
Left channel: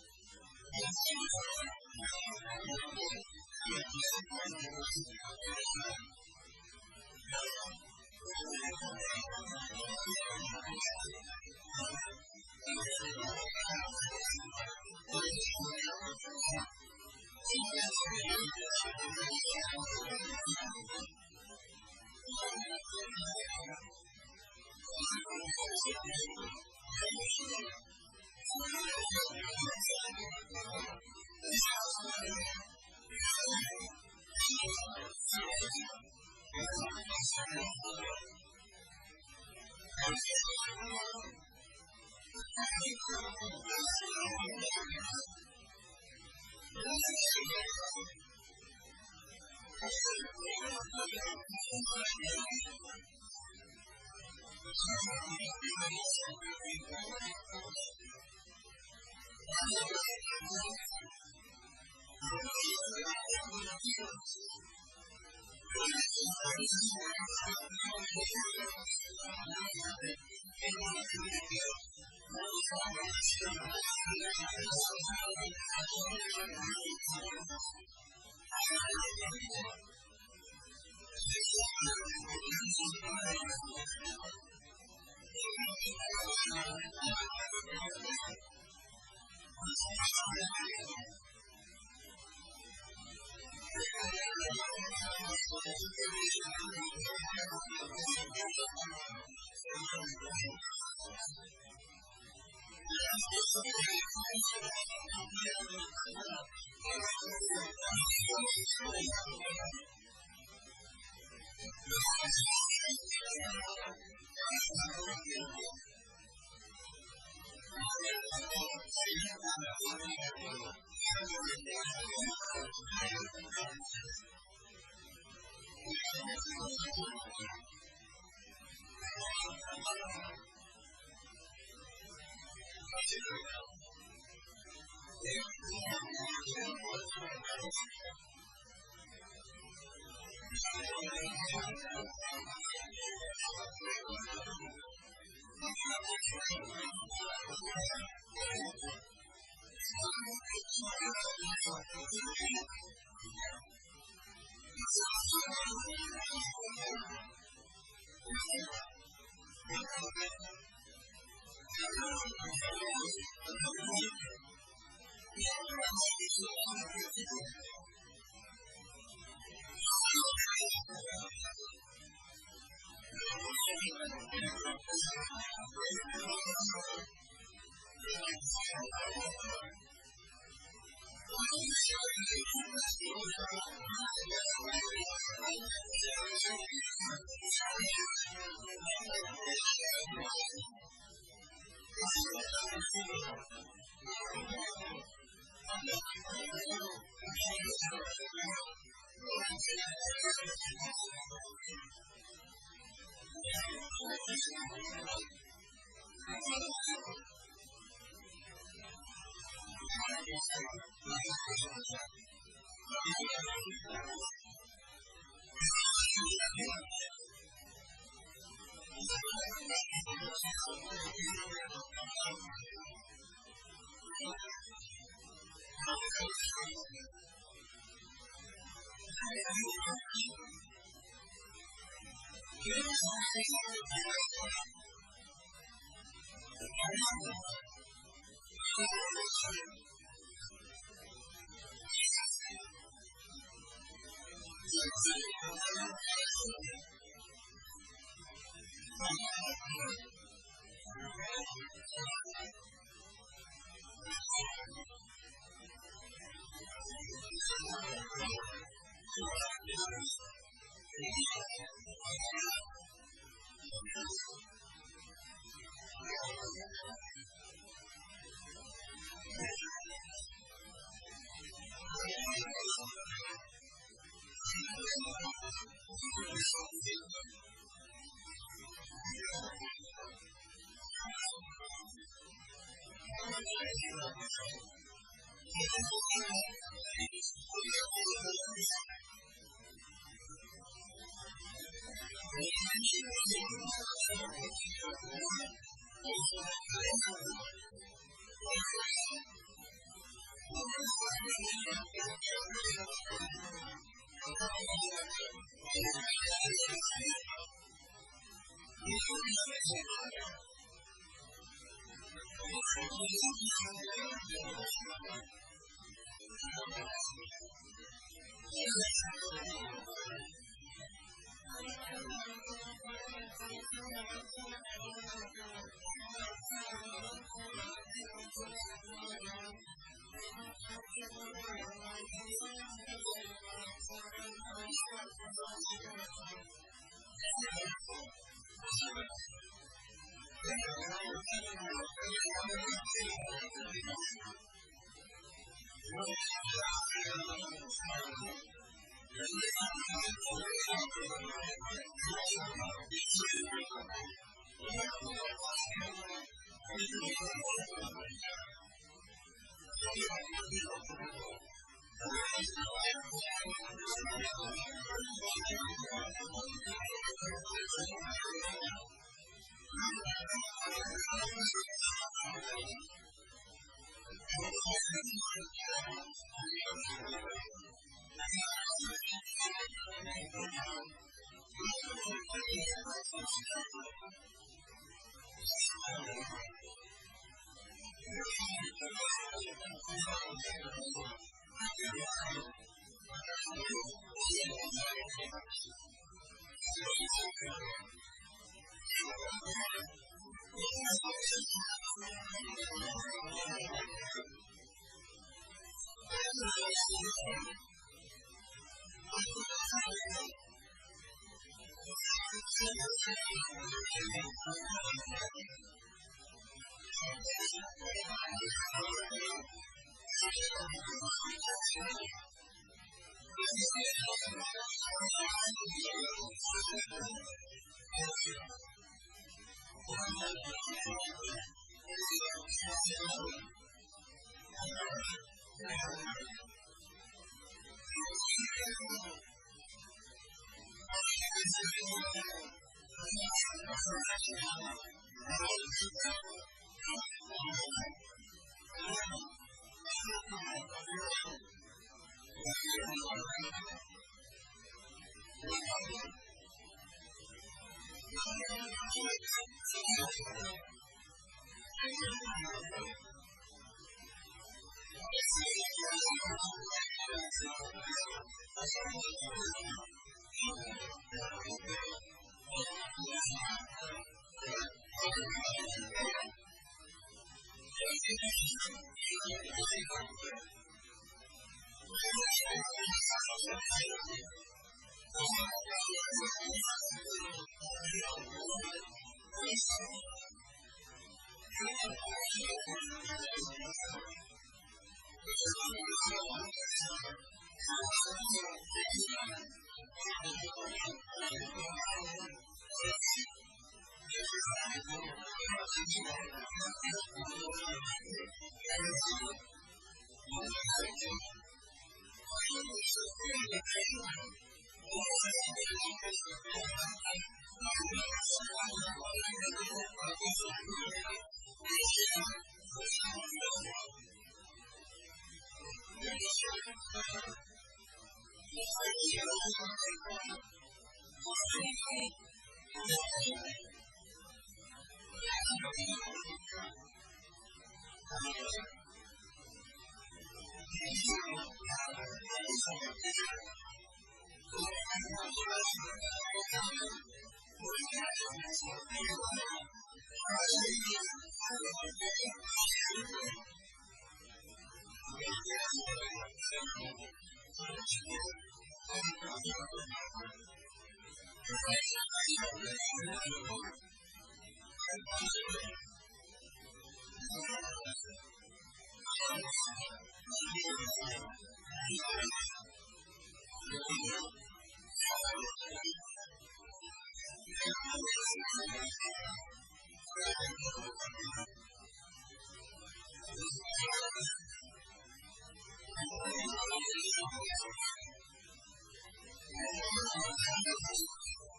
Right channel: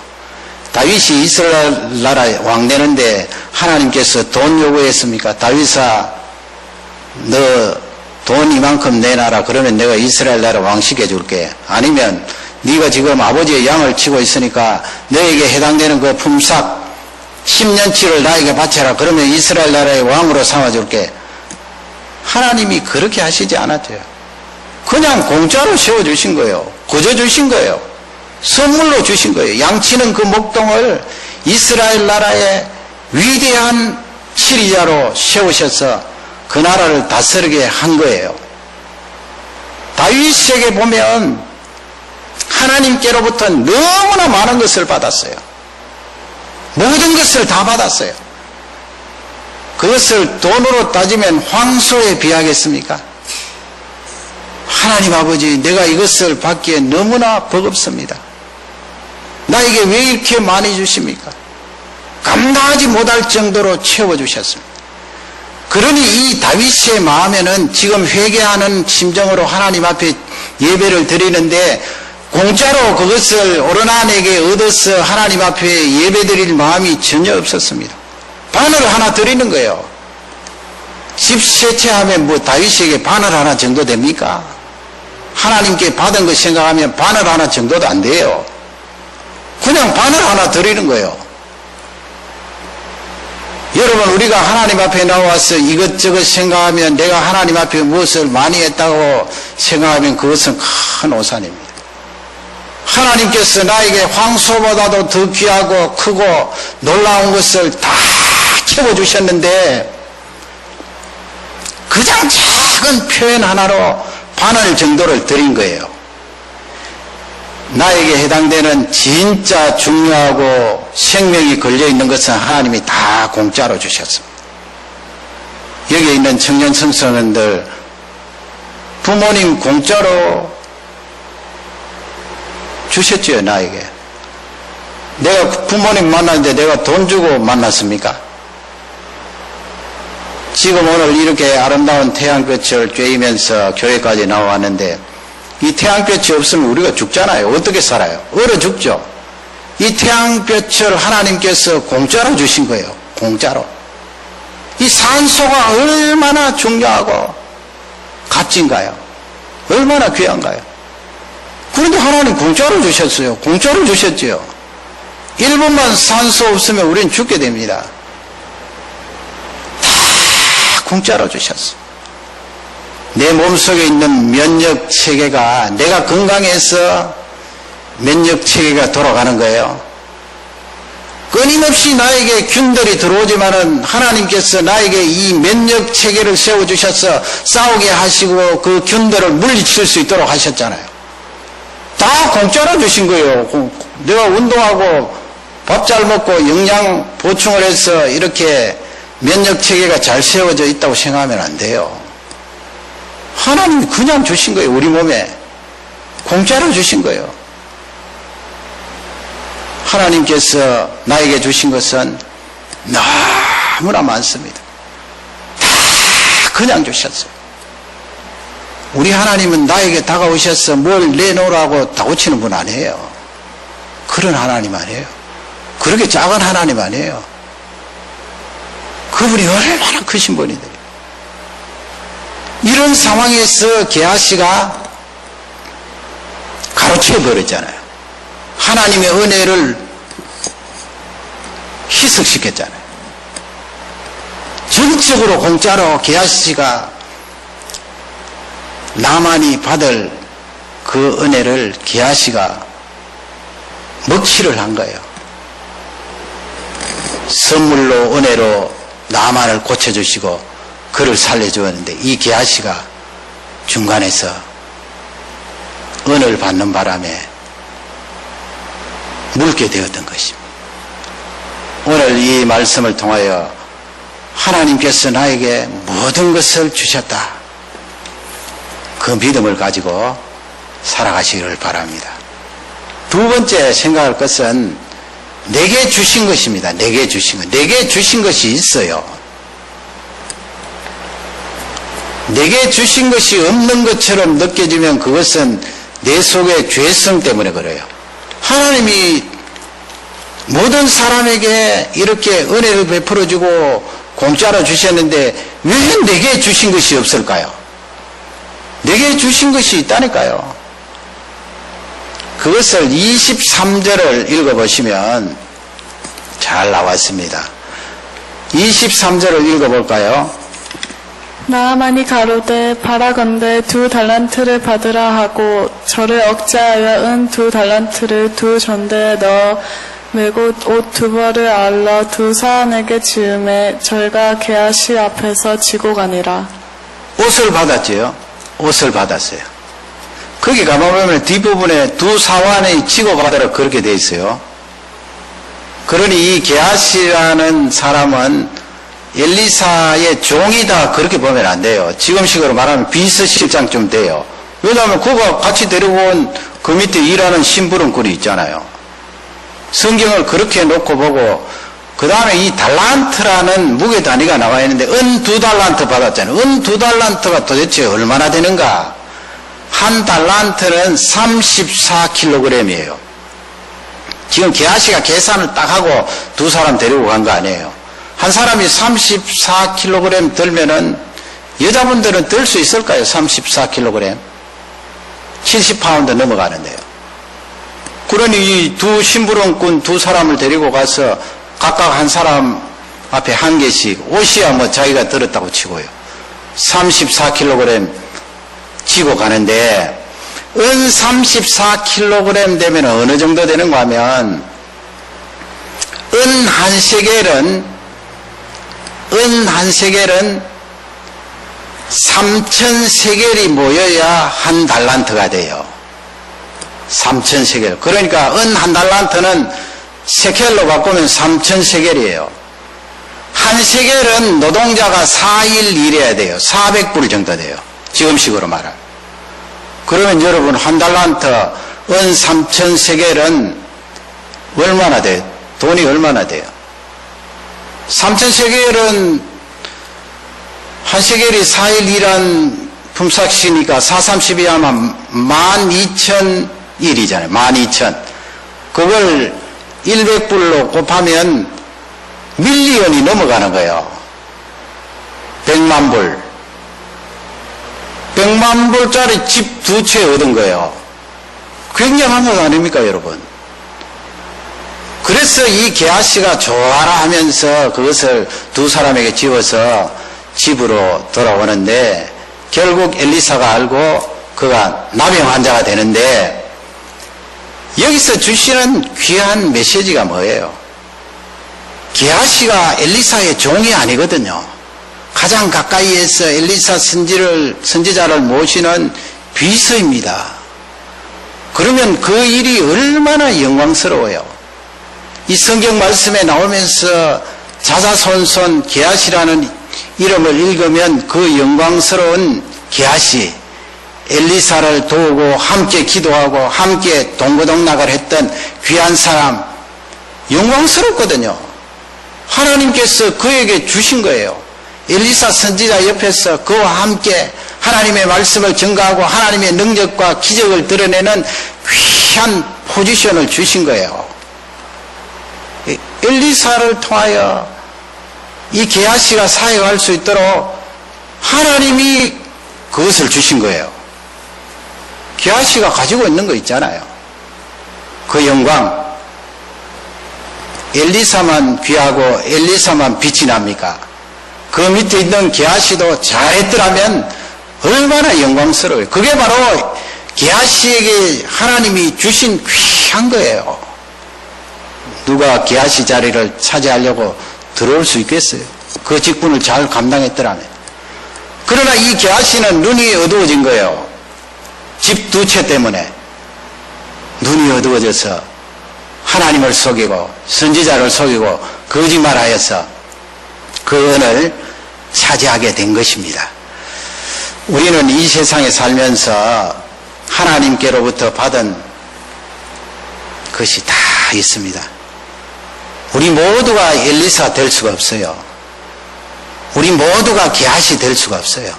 다윗이 이스라엘 나라에 왕 되는데 하나님께서 돈 요구했습니까? 다윗아, 너 돈 이만큼 내놔라. 그러면 내가 이스라엘 나라 왕 시켜줄게. 아니면 네가 지금 아버지의 양을 치고 있으니까 너에게 해당되는 그 품삯 10년치를 나에게 바쳐라. 그러면 이스라엘 나라의 왕으로 삼아줄게. 하나님이 그렇게 하시지 않았대요. 그냥 공짜로 세워주신 거예요. 거저 주신 거예요. 선물로 주신 거예요. 양치는 그 목동을 이스라엘 나라의 위대한 치리자로 세우셔서 그 나라를 다스리게 한 거예요. 다윗에게 보면 하나님께로부터 너무나 많은 것을 받았어요. 모든 것을 다 받았어요. 그것을 돈으로 따지면 황소에 비하겠습니까? 하나님 아버지, 내가 이것을 받기에 너무나 버겁습니다. 나에게 왜 이렇게 많이 주십니까? 감당하지 못할 정도로 채워주셨습니다. 그러니 이 다윗의 마음에는 지금 회개하는 심정으로 하나님 앞에 예배를 드리는데 공짜로 그것을 오르난에게 얻어서 하나님 앞에 예배 드릴 마음이 전혀 없었습니다. 바늘 하나 드리는 거예요. 집 세 채 하면 뭐 다윗에게 바늘 하나 정도 됩니까? 하나님께 받은 것 생각하면 바늘 하나 정도도 안 돼요. 그냥 바늘 하나 드리는 거예요. 여러분, 우리가 하나님 앞에 나와서 이것저것 생각하면 내가 하나님 앞에 무엇을 많이 했다고 생각하면 그것은 큰 오산입니다. 하나님께서 나에게 황소보다도 더 귀하고 크고 놀라운 것을 다 채워주셨는데 그냥 작은 표현 하나로 바늘 정도를 드린 거예요. 나에게 해당되는 진짜 중요하고 생명이 걸려있는 것은 하나님이 다 공짜로 주셨습니다. 여기 있는 청년 청소년들, 부모님 공짜로 주셨죠, 나에게. 내가 부모님 만났는데 내가 돈 주고 만났습니까? 지금 오늘 이렇게 아름다운 태양볕을 쬐이면서 교회까지 나왔는데 이 태양볕이 없으면 우리가 죽잖아요. 어떻게 살아요? 얼어 죽죠. 이 태양볕을 하나님께서 공짜로 주신 거예요. 공짜로. 이 산소가 얼마나 중요하고 값진가요? 얼마나 귀한가요? 그런데 하나님 공짜로 주셨어요. 공짜로 주셨죠. 1분만 산소 없으면 우리는 죽게 됩니다. 다 공짜로 주셨어. 내 몸속에 있는 면역 체계가, 내가 건강해서 면역 체계가 돌아가는 거예요. 끊임없이 나에게 균들이 들어오지만은 하나님께서 나에게 이 면역 체계를 세워주셔서 싸우게 하시고 그 균들을 물리칠 수 있도록 하셨잖아요. 다 공짜로 주신 거예요. 내가 운동하고 밥 잘 먹고 영양 보충을 해서 이렇게 면역 체계가 잘 세워져 있다고 생각하면 안 돼요. 하나님이 그냥 주신 거예요. 우리 몸에 공짜로 주신 거예요. 하나님께서 나에게 주신 것은 너무나 많습니다. 다 그냥 주셨어요. 우리 하나님은 나에게 다가오셔서 뭘 내놓으라고 다고치는 분 아니에요. 그런 하나님 아니에요. 그렇게 작은 하나님 아니에요. 그분이 얼마나 크신 분인데. 이런 상황에서 게하시가 가로채 버렸잖아요. 하나님의 은혜를 희석시켰잖아요. 전적으로 공짜로 게하시가 나만이 받을 그 은혜를 게하시가 먹칠을 한 거예요. 선물로 은혜로 나만을 고쳐주시고 그를 살려주었는데 이 게하시가 중간에서 은혜를 받는 바람에 묽게 되었던 것입니다. 오늘 이 말씀을 통하여 하나님께서 나에게 모든 것을 주셨다. 그 믿음을 가지고 살아가시기를 바랍니다. 두 번째 생각할 것은 내게 주신 것입니다. 내게 주신 것. 내게 주신 것이 있어요. 내게 주신 것이 없는 것처럼 느껴지면 그것은 내 속의 죄성 때문에 그래요. 하나님이 모든 사람에게 이렇게 은혜를 베풀어주고 공짜로 주셨는데 왜 내게 주신 것이 없을까요? 내게 주신 것이 있다니까요. 그것을 23절을 읽어보시면 잘 나왔습니다. 23절을 읽어볼까요? 나아만이 가로되 바라건대 2달란트를 받으라 하고 저를 억제하여 은 2달란트를 두 전대에 넣어 메고 옷 2벌을 알러 두 사람에게 지음에 저희가 게하시 앞에서 지고 가니라. 옷을 받았지요. 옷을 받았어요. 거기 가보면 뒷부분에 두 사환의 지고받으라 그렇게 돼 있어요. 그러니 이 게하시라는 사람은 엘리사의 종이다 그렇게 보면 안 돼요. 지금식으로 말하면 비서실장쯤 돼요. 왜냐하면 그가 같이 데리고 온 그 밑에 일하는 심부름꾼이 있잖아요. 성경을 그렇게 놓고 보고 그 다음에 이 달란트라는 무게 단위가 나와 있는데 은 2달란트 받았잖아요. 은 2달란트가 도대체 얼마나 되는가? 한 달란트는 34kg이에요. 지금 게하시가 계산을 딱 하고 두 사람 데리고 간 거 아니에요. 한 사람이 34kg 들면은 여자분들은 들 수 있을까요? 34kg. 70파운드 넘어가는데요. 그러니 이 두 심부름꾼 두 사람을 데리고 가서 각각 한 사람 앞에 한 개씩 옷이야 뭐 자기가 들었다고 치고요. 34kg 지고 가는데 은 34kg 되면 어느 정도 되는가 하면 은 한 세겔은 3,000세겔이 모여야 한 달란트가 돼요. 3,000세겔. 그러니까 은 한 달란트는 세켈로 바꾸면 3,000세겔이에요. 한 세겔은 노동자가 4일 일해야 돼요. 400불 정도 돼요. 지금식으로 말하면. 그러면 여러분 한 달란트 은 3,000세겔은 얼마나 돼요? 돈이 얼마나 돼요? 3,000세겔은 한 세겔이 4일 일한 품삯이니까 4,30이 하면 12,000일이잖아요. 12,000. 그걸 100불로 곱하면 밀리언이 넘어가는 거예요. 100만 불. 100만 불짜리 집 2채 얻은 거예요. 굉장한 것 아닙니까, 여러분? 그래서 이 게하시가 좋아라 하면서 그것을 두 사람에게 지워서 집으로 돌아오는데 결국 엘리사가 알고 그가 나병 환자가 되는데 여기서 주시는 귀한 메시지가 뭐예요? 게하시가 엘리사의 종이 아니거든요. 가장 가까이에서 엘리사 선지자를 모시는 비서입니다. 그러면 그 일이 얼마나 영광스러워요. 이 성경 말씀에 나오면서 자자손손 게하시라는 이름을 읽으면 그 영광스러운 게하시, 엘리사를 도우고 함께 기도하고 함께 동고동락을 했던 귀한 사람, 영광스럽거든요. 하나님께서 그에게 주신 거예요. 엘리사 선지자 옆에서 그와 함께 하나님의 말씀을 전가하고 하나님의 능력과 기적을 드러내는 귀한 포지션을 주신 거예요. 엘리사를 통하여 이 게하시가 사역할 수 있도록 하나님이 그것을 주신 거예요. 게하시가 가지고 있는 거 있잖아요. 그 영광. 엘리사만 귀하고 엘리사만 빛이 납니까? 그 밑에 있는 게하시도 잘했더라면 얼마나 영광스러워요. 그게 바로 게하시에게 하나님이 주신 귀한 거예요. 누가 게하시 자리를 차지하려고 들어올 수 있겠어요? 그 직분을 잘 감당했더라면. 그러나 이 게하시는 눈이 어두워진 거예요. 집 두 채 때문에 눈이 어두워져서 하나님을 속이고 선지자를 속이고 거짓말하여서 그 은을 차지하게 된 것입니다. 우리는 이 세상에 살면서 하나님께로부터 받은 것이 다 있습니다. 우리 모두가 엘리사 될 수가 없어요. 우리 모두가 게하시 될 수가 없어요.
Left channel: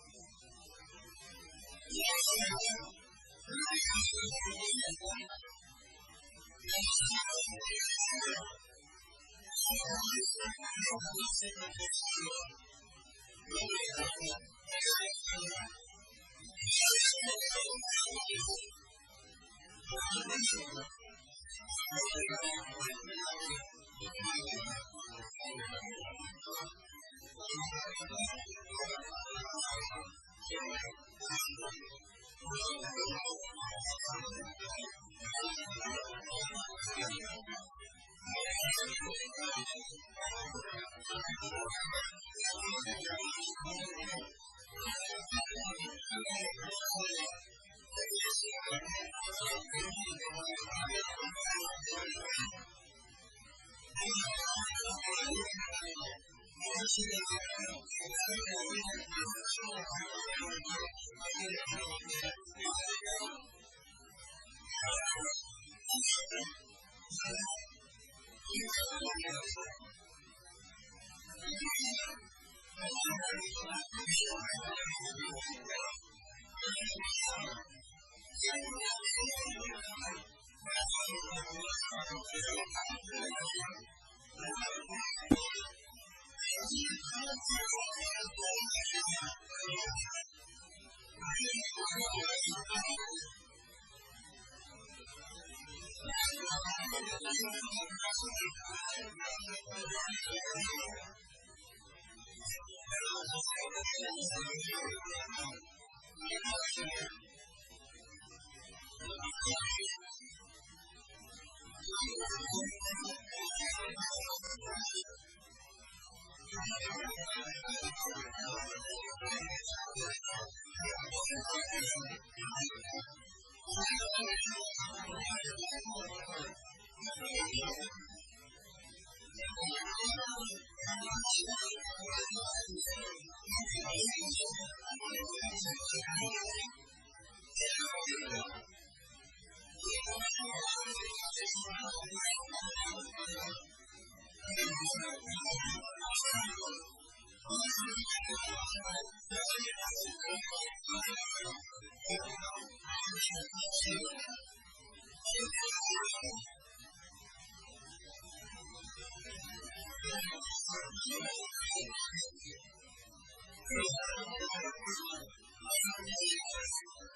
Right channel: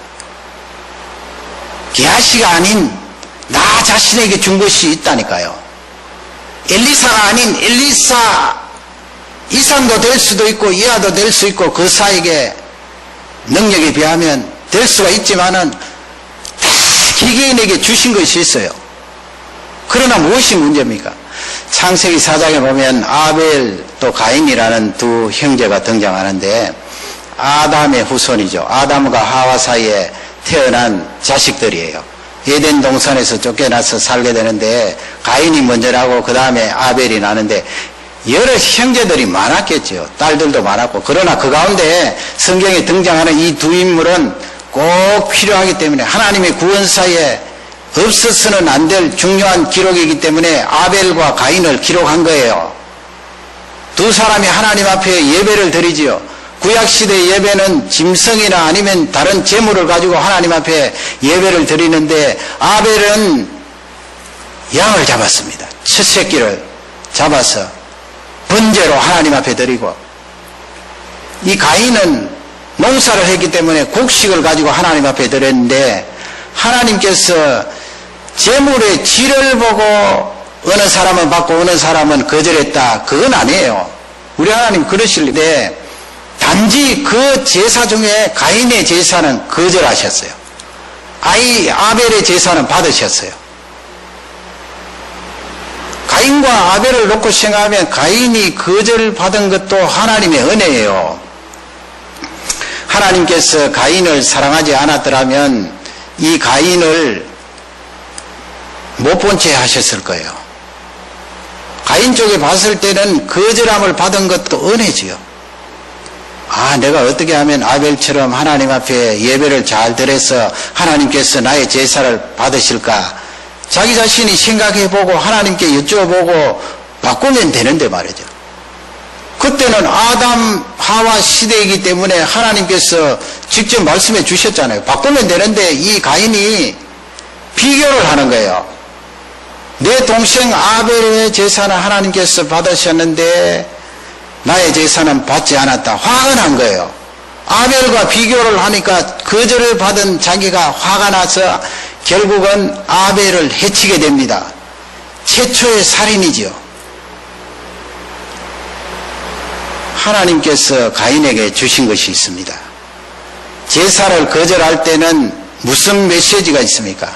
게하시가 아닌 나 자신에게 준 것이 있다니까요. 엘리사가 아닌 엘리사 이상도 될 수도 있고 이하도 될 수 있고 그 사이에 능력에 비하면 될 수가 있지만은 다 개개인에게 주신 것이 있어요. 그러나 무엇이 문제입니까? 창세기 4장에 보면 아벨 또 가인이라는 두 형제가 등장하는데 아담의 후손이죠. 아담과 하와 사이에 태어난 자식들이에요. 에덴 동산에서 쫓겨나서 살게 되는데 가인이 먼저 나고 그 다음에 아벨이 나는데 여러 형제들이 많았겠죠. 딸들도 많았고. 그러나 그 가운데 성경에 등장하는 이 두 인물은 꼭 필요하기 때문에 하나님의 구원사에 없어서는 안 될 중요한 기록이기 때문에 아벨과 가인을 기록한 거예요. 두 사람이 하나님 앞에 예배를 드리지요. 구약시대 예배는 짐승이나 아니면 다른 제물을 가지고 하나님 앞에 예배를 드리는데 아벨은 양을 잡았습니다. 첫 새끼를 잡아서 번제로 하나님 앞에 드리고 이 가인은 농사를 했기 때문에 곡식을 가지고 하나님 앞에 드렸는데 하나님께서 제물의 질을 보고 어느 사람은 받고 어느 사람은 거절했다. 그건 아니에요. 우리 하나님 그러실때 단지 그 제사 중에 가인의 제사는 거절하셨어요. 아벨의 제사는 받으셨어요. 가인과 아벨을 놓고 생각하면 가인이 거절받은 것도 하나님의 은혜예요. 하나님께서 가인을 사랑하지 않았더라면 이 가인을 못 본 채 하셨을 거예요. 가인 쪽에 봤을 때는 거절함을 받은 것도 은혜지요. 내가 어떻게 하면 아벨처럼 하나님 앞에 예배를 잘 드려서 하나님께서 나의 제사를 받으실까? 자기 자신이 생각해보고 하나님께 여쭤보고 바꾸면 되는데 말이죠. 그때는 아담 하와 시대이기 때문에 하나님께서 직접 말씀해 주셨잖아요. 바꾸면 되는데 이 가인이 비교를 하는 거예요. 내 동생 아벨의 제사는 하나님께서 받으셨는데 나의 제사는 받지 않았다. 화가 난 거예요. 아벨과 비교를 하니까 거절을 받은 자기가 화가 나서 결국은 아벨을 해치게 됩니다. 최초의 살인이지요. 하나님께서 가인에게 주신 것이 있습니다. 제사를 거절할 때는 무슨 메시지가 있습니까?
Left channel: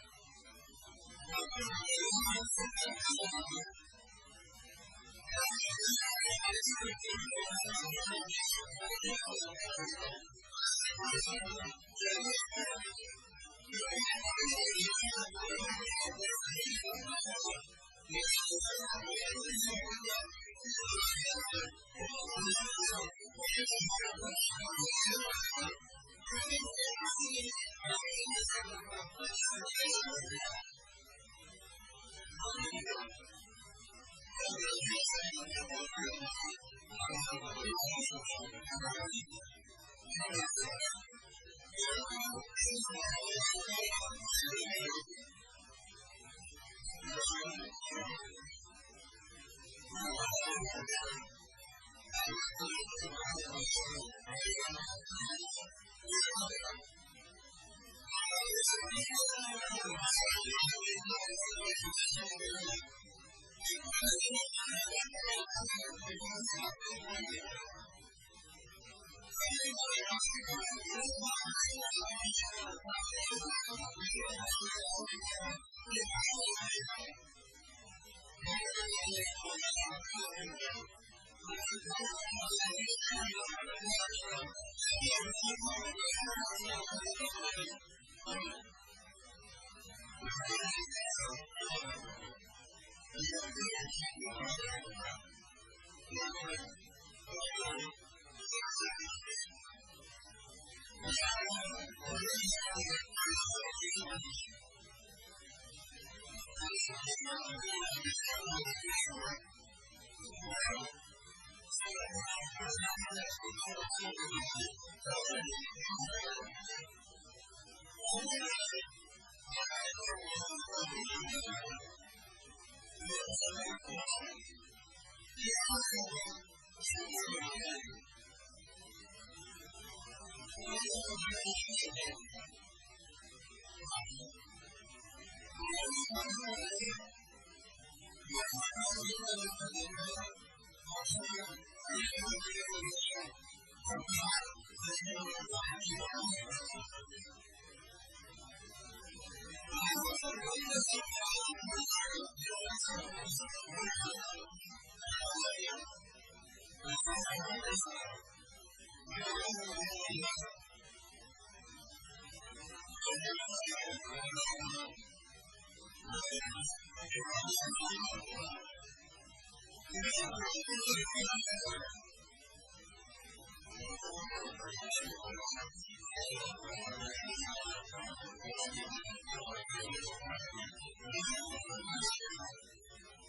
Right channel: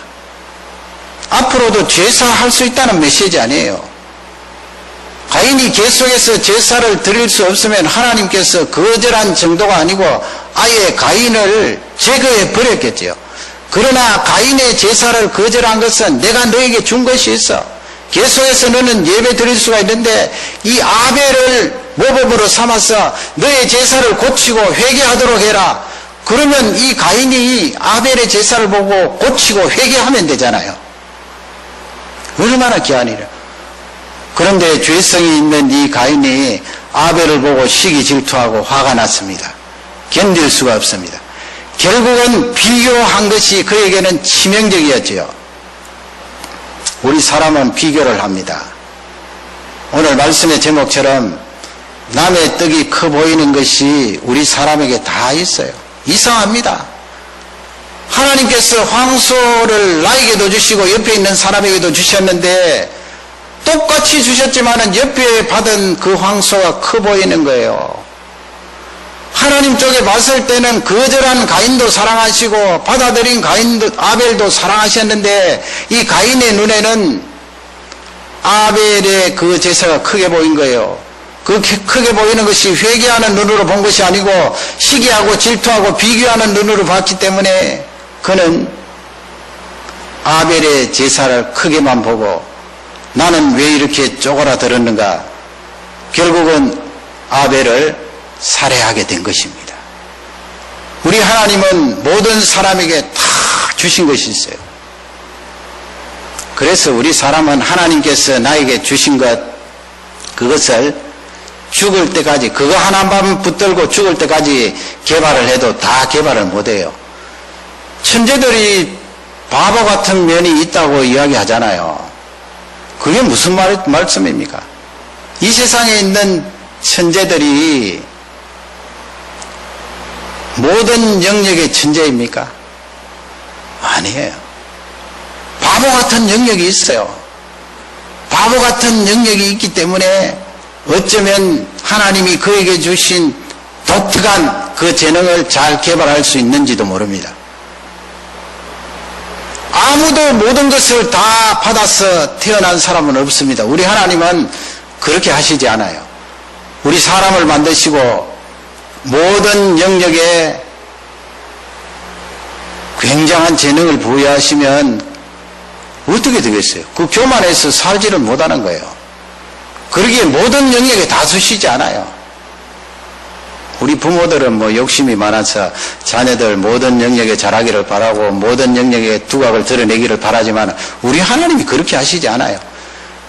앞으로도 제사할 수 있다는 메시지 아니에요. 가인이 계속해서 제사를 드릴 수 없으면 하나님께서 거절한 정도가 아니고 아예 가인을 제거해 버렸겠지요. 그러나 가인의 제사를 거절한 것은 내가 너에게 준 것이 있어. 계속해서 너는 예배 드릴 수가 있는데 이 아벨을 모범으로 삼아서 너의 제사를 고치고 회개하도록 해라. 그러면 이 가인이 아벨의 제사를 보고 고치고 회개하면 되잖아요. 얼마나 귀한이래. 그런데 죄성이 있는 이 가인이 아벨을 보고 시기 질투하고 화가 났습니다. 견딜 수가 없습니다. 결국은 비교한 것이 그에게는 치명적이었지요. 우리 사람은 비교를 합니다. 오늘 말씀의 제목처럼 남의 떡이 커 보이는 것이 우리 사람에게 다 있어요. 이상합니다. 하나님께서 황소를 나에게도 주시고 옆에 있는 사람에게도 주셨는데 똑같이 주셨지만은 옆에 받은 그 황소가 커 보이는 거예요. 하나님 쪽에 봤을 때는 거절한 가인도 사랑하시고 받아들인 가인도 아벨도 사랑하셨는데 이 가인의 눈에는 아벨의 그 제사가 크게 보인 거예요. 그 크게 보이는 것이 회개하는 눈으로 본 것이 아니고 시기하고 질투하고 비교하는 눈으로 봤기 때문에 그는 아벨의 제사를 크게만 보고 나는 왜 이렇게 쪼그라들었는가. 결국은 아벨을 살해하게 된 것입니다. 우리 하나님은 모든 사람에게 다 주신 것이 있어요. 그래서 우리 사람은 하나님께서 나에게 주신 것, 그것을 죽을 때까지, 그거 하나만 붙들고 죽을 때까지 개발을 해도 다 개발을 못해요. 천재들이 바보 같은 면이 있다고 이야기하잖아요. 그게 무슨 말씀입니까? 이 세상에 있는 천재들이 모든 영역의 천재입니까? 아니에요. 바보 같은 영역이 있어요. 바보 같은 영역이 있기 때문에 어쩌면 하나님이 그에게 주신 독특한 그 재능을 잘 개발할 수 있는지도 모릅니다. 아무도 모든 것을 다 받아서 태어난 사람은 없습니다. 우리 하나님은 그렇게 하시지 않아요. 우리 사람을 만드시고 모든 영역에 굉장한 재능을 부여하시면 어떻게 되겠어요? 그 교만해서 살지를 못하는 거예요. 그러기에 모든 영역에 다 쓰시지 않아요. 우리 부모들은 뭐 욕심이 많아서 자녀들 모든 영역에 잘하기를 바라고 모든 영역에 두각을 드러내기를 바라지만 우리 하나님이 그렇게 하시지 않아요.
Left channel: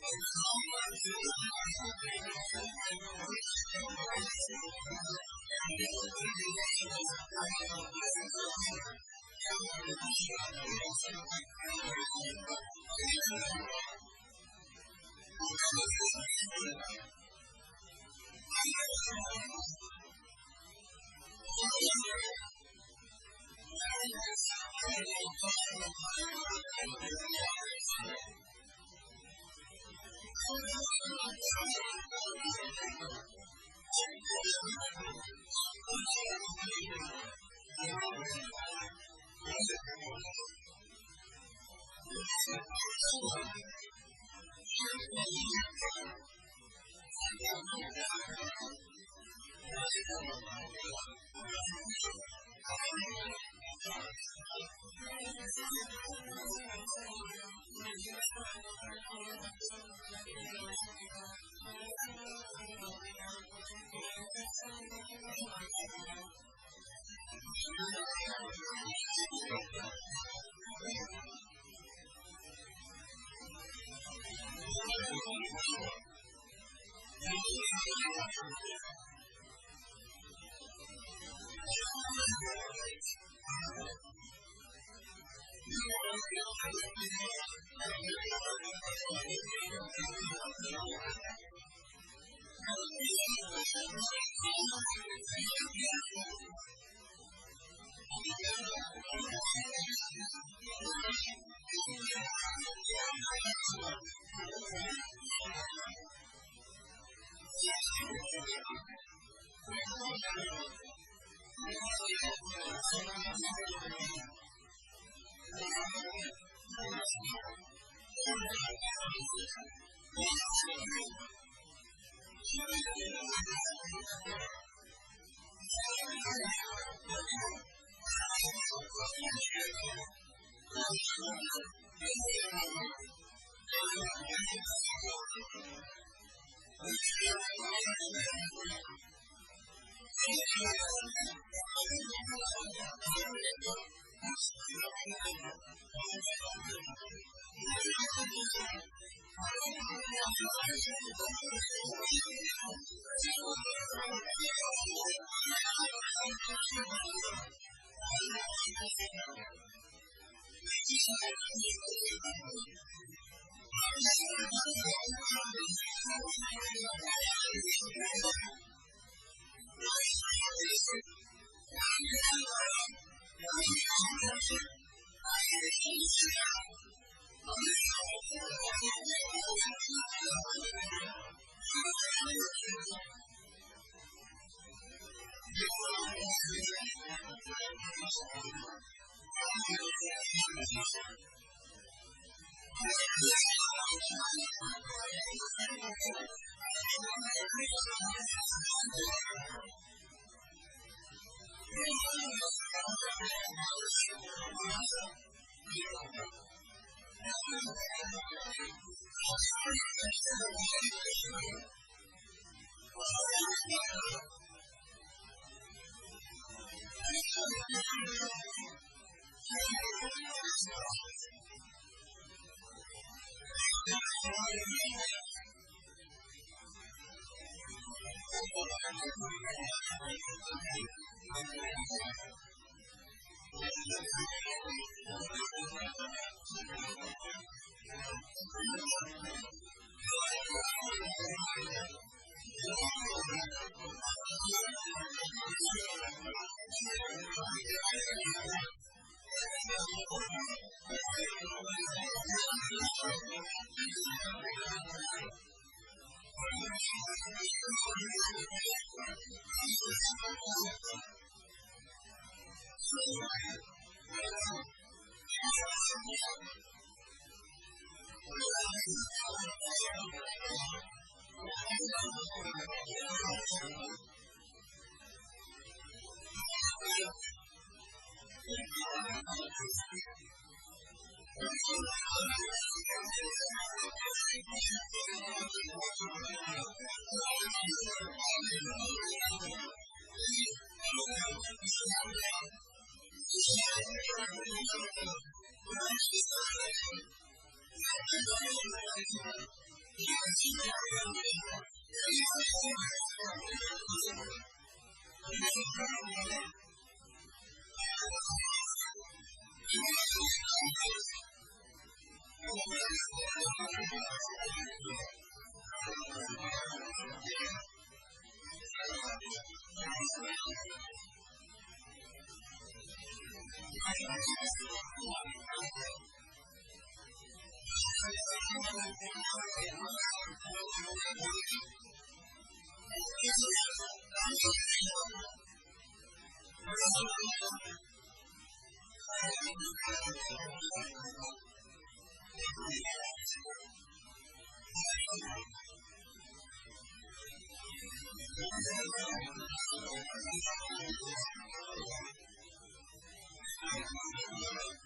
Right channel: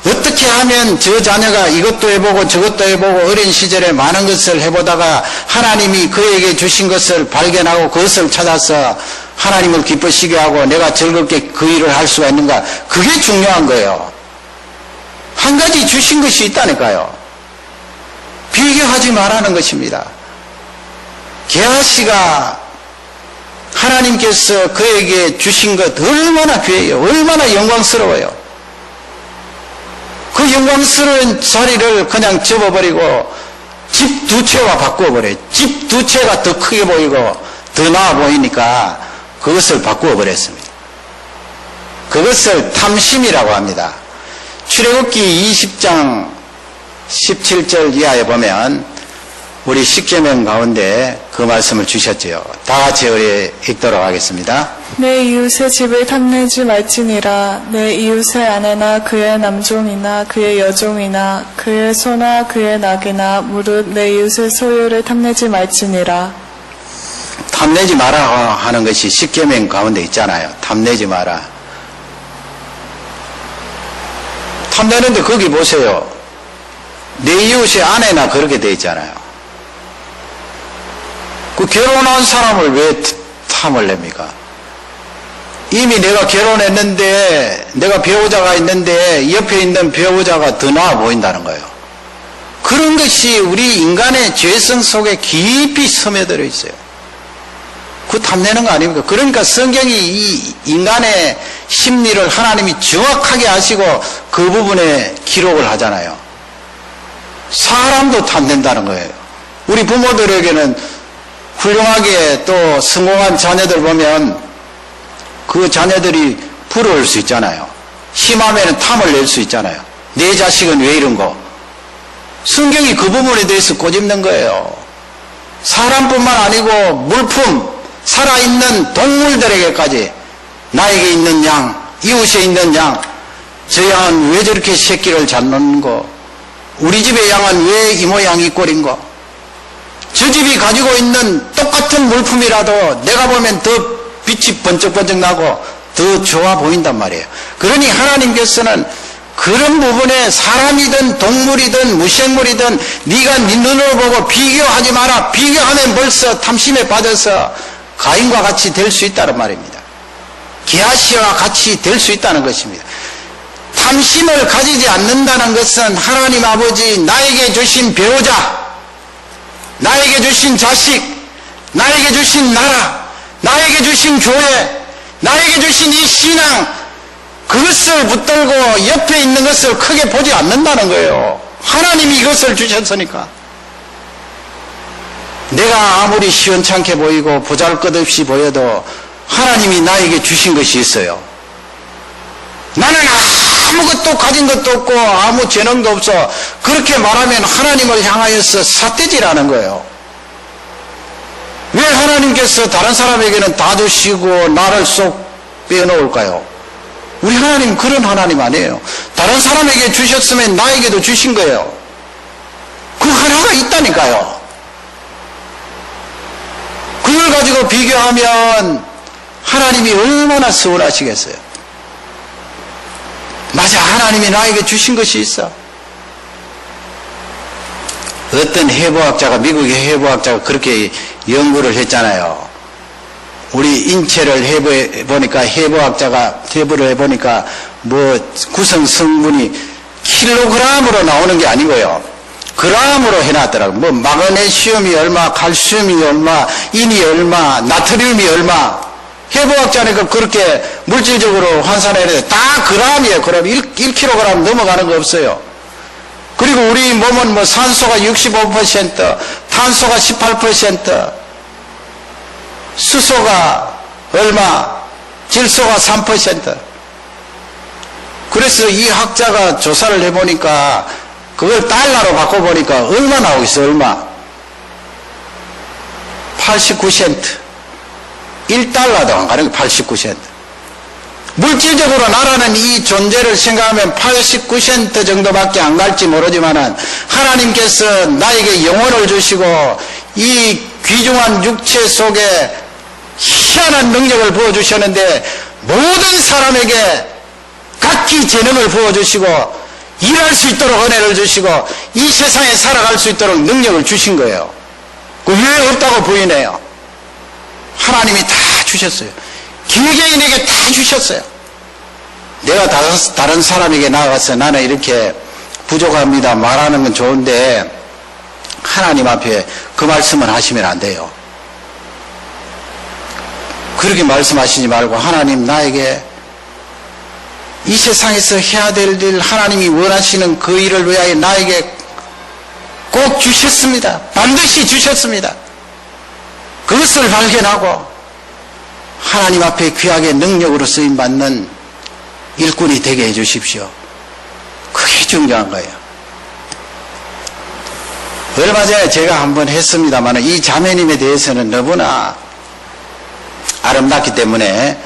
어떻게 하면 저 자녀가 이것도 해보고 저것도 해보고 어린 시절에 많은 것을 해보다가 하나님이 그에게 주신 것을 발견하고 그것을 찾아서 하나님을 기쁘시게 하고 내가 즐겁게 그 일을 할 수가 있는가, 그게 중요한 거예요. 한 가지 주신 것이 있다니까요. 비교하지 말라는 것입니다. 게하시가 하나님께서 그에게 주신 것 얼마나 귀해요. 얼마나 영광스러워요. 그 영광스러운 자리를 그냥 접어버리고 집 두 채와 바꾸어버려요. 집 두 채가 더 크게 보이고 더 나아 보이니까 그것을 바꾸어버렸습니다. 그것을 탐심이라고 합니다. 출애굽기 20장 17절 이하에 보면 우리 십계명 가운데 그 말씀을 주셨지요. 다 같이 우리 읽도록 하겠습니다. 내 이웃의 집을 탐내지 말지니라. 내 이웃의 아내나 그의 남종이나 그의 여종이나 그의 소나 그의 낙이나 무릇 내 이웃의 소유를 탐내지 말지니라. 탐내지 마라 하는 것이 십계명 가운데 있잖아요. 탐내지 마라. 탐내는데 거기 보세요. 내 이웃의 아내나 그렇게 돼 있잖아요. 그 결혼한 사람을 왜 탐을 냅니까? 이미 내가 결혼했는데 내가 배우자가 있는데 옆에 있는 배우자가 더 나아 보인다는 거예요. 그런 것이 우리 인간의 죄성 속에 깊이 스며들어 있어요. 그 탐내는 거 아닙니까? 그러니까 성경이 이 인간의 심리를 하나님이 정확하게 아시고 그 부분에 기록을 하잖아요. 사람도 탐낸다는 거예요. 우리 부모들에게는 훌륭하게 또 성공한 자녀들 보면 그 자녀들이 부러울 수 있잖아요. 심하면 탐을 낼 수 있잖아요. 내 자식은 왜 이런 거? 성경이 그 부분에 대해서 꼬집는 거예요. 사람뿐만 아니고 물품, 살아있는 동물들에게까지 나에게 있는 양, 이웃에 있는 양, 저 양은 왜 저렇게 새끼를 잘 놓는 거? 우리 집의 양은 왜 이 모양 이 꼴인 거? 저 집이 가지고 있는 똑같은 물품이라도 내가 보면 더 빛이 번쩍번쩍 나고 더 좋아 보인단 말이에요. 그러니 하나님께서는 그런 부분에 사람이든 동물이든 무생물이든 네가 네 눈으로 보고 비교하지 마라. 비교하면 벌써 탐심에 빠져서 가인과 같이 될 수 있다는 말입니다. 게하시와 같이 될 수 있다는 것입니다. 탐심을 가지지 않는다는 것은 하나님 아버지 나에게 주신 배우자, 나에게 주신 자식, 나에게 주신 나라, 나에게 주신 교회, 나에게 주신 이 신앙, 그것을 붙들고 옆에 있는 것을 크게 보지 않는다는 거예요. 하나님이 이것을 주셨으니까. 내가 아무리 시원찮게 보이고 보잘것없이 보여도 하나님이 나에게 주신 것이 있어요. 나는 아무것도 가진 것도 없고 아무 재능도 없어. 그렇게 말하면 하나님을 향하여서 삿대질하는 거예요. 왜 하나님께서 다른 사람에게는 다 주시고 나를 쏙 빼놓을까요? 우리 하나님 그런 하나님 아니에요. 다른 사람에게 주셨으면 나에게도 주신 거예요. 그 하나가 있다니까요. 그걸 가지고 비교하면 하나님이 얼마나 서운하시겠어요. 맞아, 하나님이 나에게 주신 것이 있어. 어떤 해부학자가, 미국의 해부학자가 그렇게 연구를 했잖아요. 우리 인체를 해부해보니까, 해부를 해보니까, 구성 성분이 킬로그램으로 나오는 게 아니고요. 그램으로 해놨더라고요. 마그네슘이 얼마, 칼슘이 얼마, 인이 얼마, 나트륨이 얼마. 해부학자니까 그렇게 물질적으로 환산해야 돼. 다 그램이에요. 그럼 1kg 넘어가는 거 없어요. 그리고 우리 몸은 산소가 65%, 탄소가 18%, 수소가 얼마, 질소가 3%. 그래서 이 학자가 조사를 해보니까 그걸 달러로 바꿔보니까 얼마 나오겠어, 얼마? 89센트. 1달러도 안 가는 게 89센트. 물질적으로 나라는 이 존재를 생각하면 89센트 정도밖에 안 갈지 모르지만은 하나님께서 나에게 영혼을 주시고 이 귀중한 육체 속에 희한한 능력을 부어주셨는데 모든 사람에게 각기 재능을 부어주시고 일할 수 있도록 은혜를 주시고 이 세상에 살아갈 수 있도록 능력을 주신 거예요. 왜 없다고 부인해요? 하나님이 다 주셨어요. 개개인에게 다 주셨어요. 내가 다른 사람에게 나가서 나는 이렇게 부족합니다 말하는 건 좋은데 하나님 앞에 그 말씀을 하시면 안 돼요. 그렇게 말씀하시지 말고 하나님 나에게 이 세상에서 해야 될 일 하나님이 원하시는 그 일을 위하여 나에게 꼭 주셨습니다. 반드시 주셨습니다. 그것을 발견하고 하나님 앞에 귀하게 능력으로 쓰임받는 일꾼이 되게 해주십시오. 그게 중요한 거예요. 얼마 전에 제가 한번 했습니다만 이 자매님에 대해서는 너무나 아름답기 때문에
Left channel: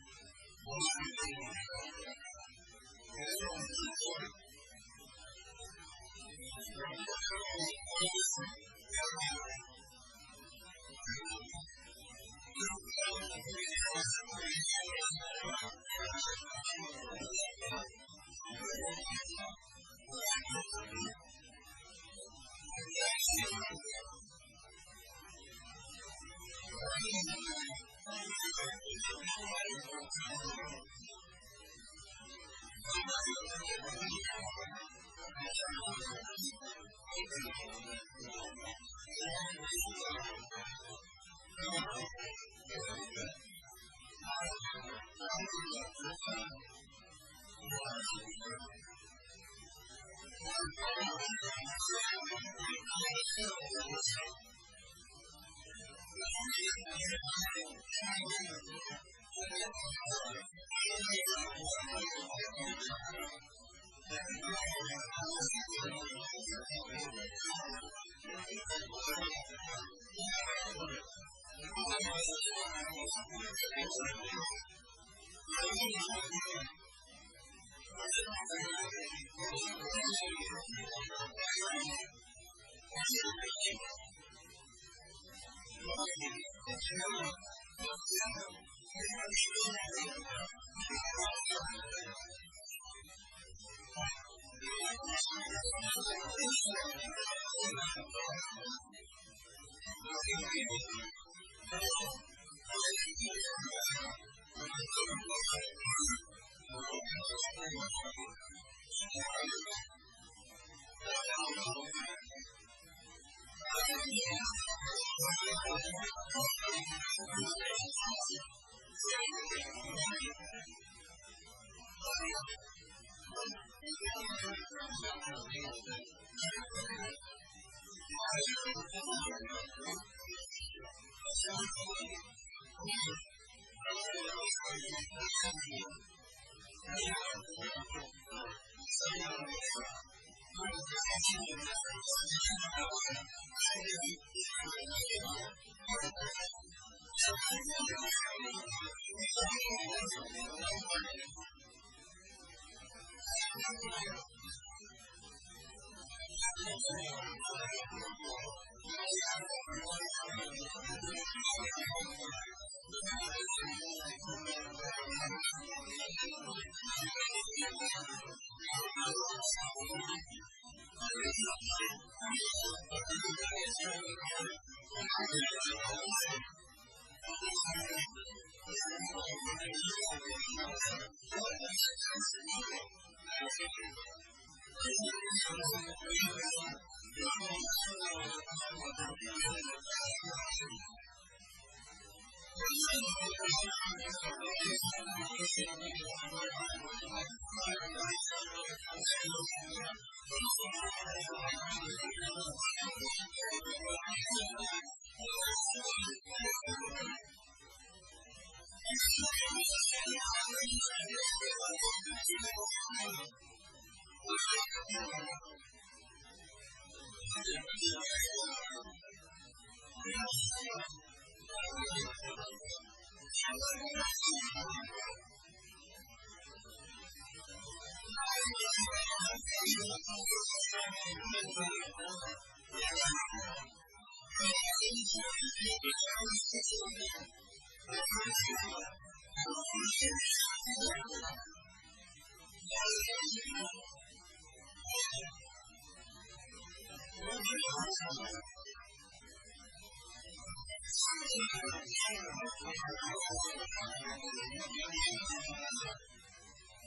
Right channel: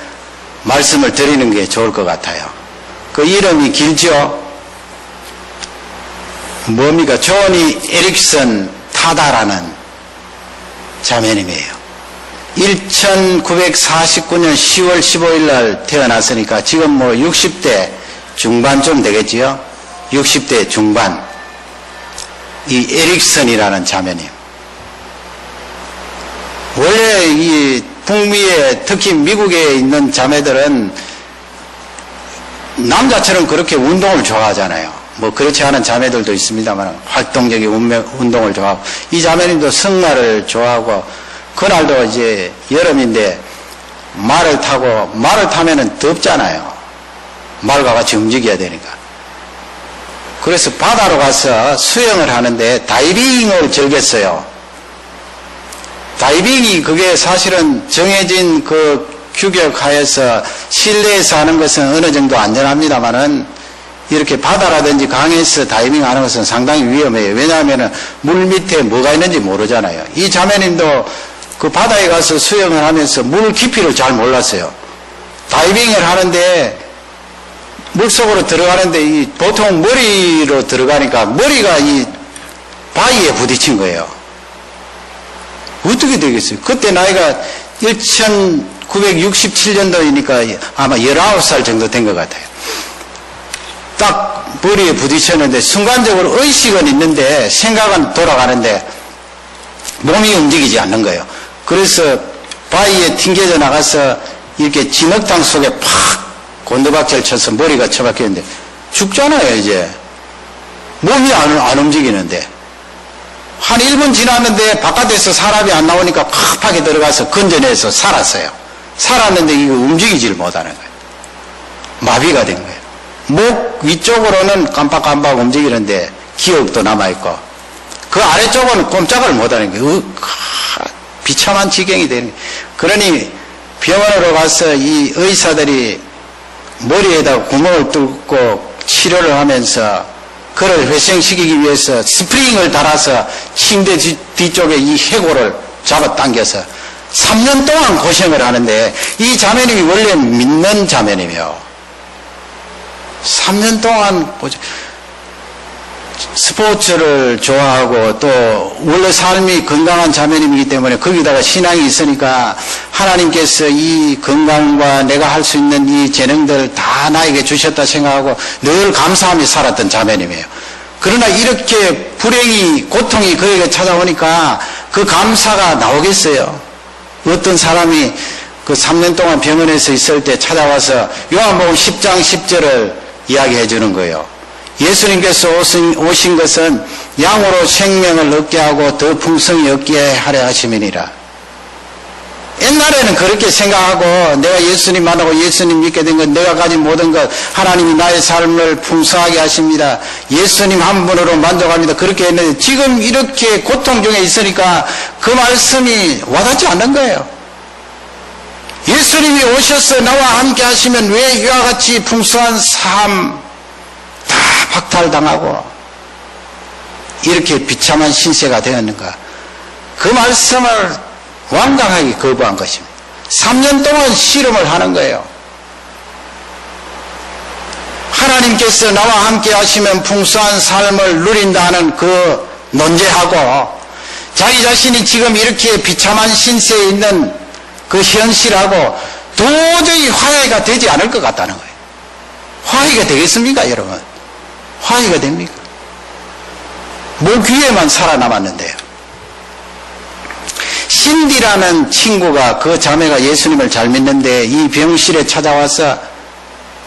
말씀을 드리는 게 좋을 것 같아요. 그 이름이 길죠? 뭡니까? 조니 에릭슨 타다라는 자매님이에요. 1949년 10월 15일 날 태어났으니까 지금 60대 중반쯤 되겠지요? 60대 중반. 이 에릭슨이라는 자매님. 원래 이 북미에 특히 미국에 있는 자매들은 남자처럼 그렇게 운동을 좋아하잖아요. 그렇지 않은 자매들도 있습니다만 활동적인 운동을 좋아하고 이 자매님도 승마를 좋아하고 그날도 이제 여름인데 말을 타면은 덥잖아요. 말과 같이 움직여야 되니까. 그래서 바다로 가서 수영을 하는데 다이빙을 즐겼어요. 다이빙이 그게 사실은 정해진 그 규격하여서 실내에서 하는 것은 어느 정도 안전합니다만은 이렇게 바다라든지 강에서 다이빙 하는 것은 상당히 위험해요. 왜냐하면 물 밑에 뭐가 있는지 모르잖아요. 이 자매님도 그 바다에 가서 수영을 하면서 물 깊이를 잘 몰랐어요. 다이빙을 하는데 물속으로 들어가는데 보통 머리로 들어가니까 머리가 이 바위에 부딪힌 거예요. 어떻게 되겠어요? 그때 나이가 1967년도이니까 아마 19살 정도 된 것 같아요. 딱 머리에 부딪혔는데 순간적으로 의식은 있는데 생각은 돌아가는데 몸이 움직이지 않는 거예요. 그래서 바위에 튕겨져 나가서 이렇게 진흙탕 속에 팍 곤두박질 쳐서 머리가 처박혔는데 죽잖아요. 이제 몸이 안 움직이는데 한 1분 지났는데 바깥에서 사람이 안 나오니까 팍팍하게 들어가서 건져내서 살았어요. 살았는데 이거 움직이질 못하는 거예요. 마비가 된 거예요. 목 위쪽으로는 깜빡깜빡 움직이는데 기억도 남아있고 그 아래쪽은 꼼짝을 못하는 거예요. 비참한 지경이 되는 거예요. 그러니 병원으로 가서 이 의사들이 머리에다 구멍을 뚫고 치료를 하면서 그를 회생시키기 위해서 스프링을 달아서 침대 뒤쪽에 이 해골을 잡아당겨서 3년 동안 고생을 하는데 이 자매님이 원래 믿는 자매님이요. 3년 동안 스포츠를 좋아하고 또 원래 삶이 건강한 자매님이기 때문에 거기다가 신앙이 있으니까 하나님께서 이 건강과 내가 할 수 있는 이 재능들 다 나에게 주셨다 생각하고 늘 감사하며 살았던 자매님이에요. 그러나 이렇게 불행이 고통이 그에게 찾아오니까 그 감사가 나오겠어요. 어떤 사람이 그 3년 동안 병원에서 있을 때 찾아와서 요한복음 10장 10절을 이야기해 주는 거예요. 예수님께서 오신 것은 양으로 생명을 얻게 하고 더 풍성히 얻게 하려 하심이니라. 옛날에는 그렇게 생각하고 내가 예수님 만나고 예수님 믿게 된 것, 내가 가진 모든 것, 하나님이 나의 삶을 풍성하게 하십니다. 예수님 한 분으로 만족합니다. 그렇게 했는데 지금 이렇게 고통 중에 있으니까 그 말씀이 와닿지 않는 거예요. 예수님이 오셔서 나와 함께 하시면 왜 이와 같이 풍성한 삶 다 박탈당하고 이렇게 비참한 신세가 되었는가? 그 말씀을 완강하게 거부한 것입니다. 3년 동안 실험을 하는 거예요. 하나님께서 나와 함께 하시면 풍성한 삶을 누린다는 그 논제하고 자기 자신이 지금 이렇게 비참한 신세에 있는 그 현실하고 도저히 화해가 되지 않을 것 같다는 거예요. 화해가 되겠습니까, 여러분? 화해가 됩니까? 목 위에만 살아남았는데요. 신디라는 친구가 그 자매가 예수님을 잘 믿는데 이 병실에 찾아와서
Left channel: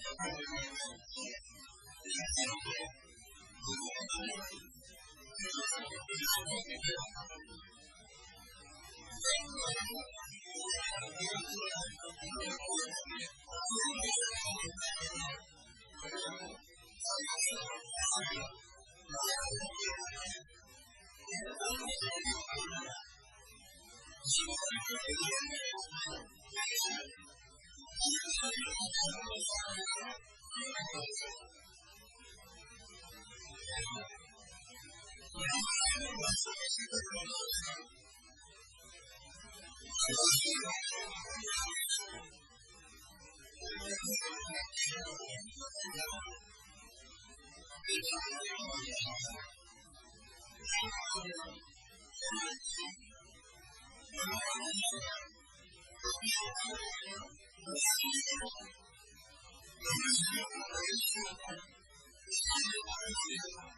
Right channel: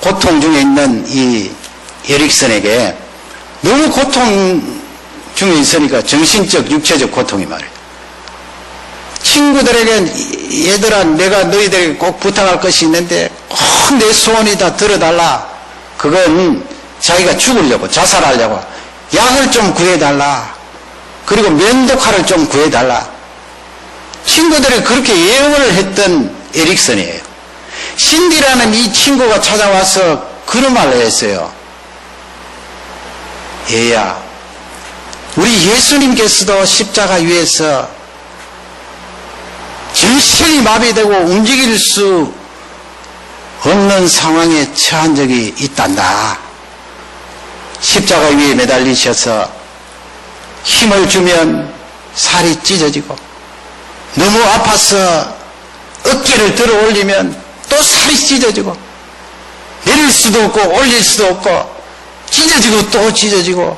고통 중에 있는 이 에릭슨에게 너무 고통 중에 있으니까 정신적, 육체적 고통이 말이에요. 친구들에게 얘들아 내가 너희들에게 꼭 부탁할 것이 있는데 꼭 내 소원이 다 들어달라. 그건 자기가 죽으려고 자살하려고 약을 좀 구해달라. 그리고 면도칼을 좀 구해달라. 친구들이 그렇게 예언을 했던 에릭슨이에요. 신디라는 이 친구가 찾아와서 그런 말을 했어요. 얘야, 우리 예수님께서도 십자가 위에서 정신이 마비되고 움직일 수 없는 상황에 처한 적이 있단다. 십자가 위에 매달리셔서 힘을 주면 살이 찢어지고 너무 아파서 어깨를 들어 올리면 또 살이 찢어지고 내릴 수도 없고 올릴 수도 없고 찢어지고 또 찢어지고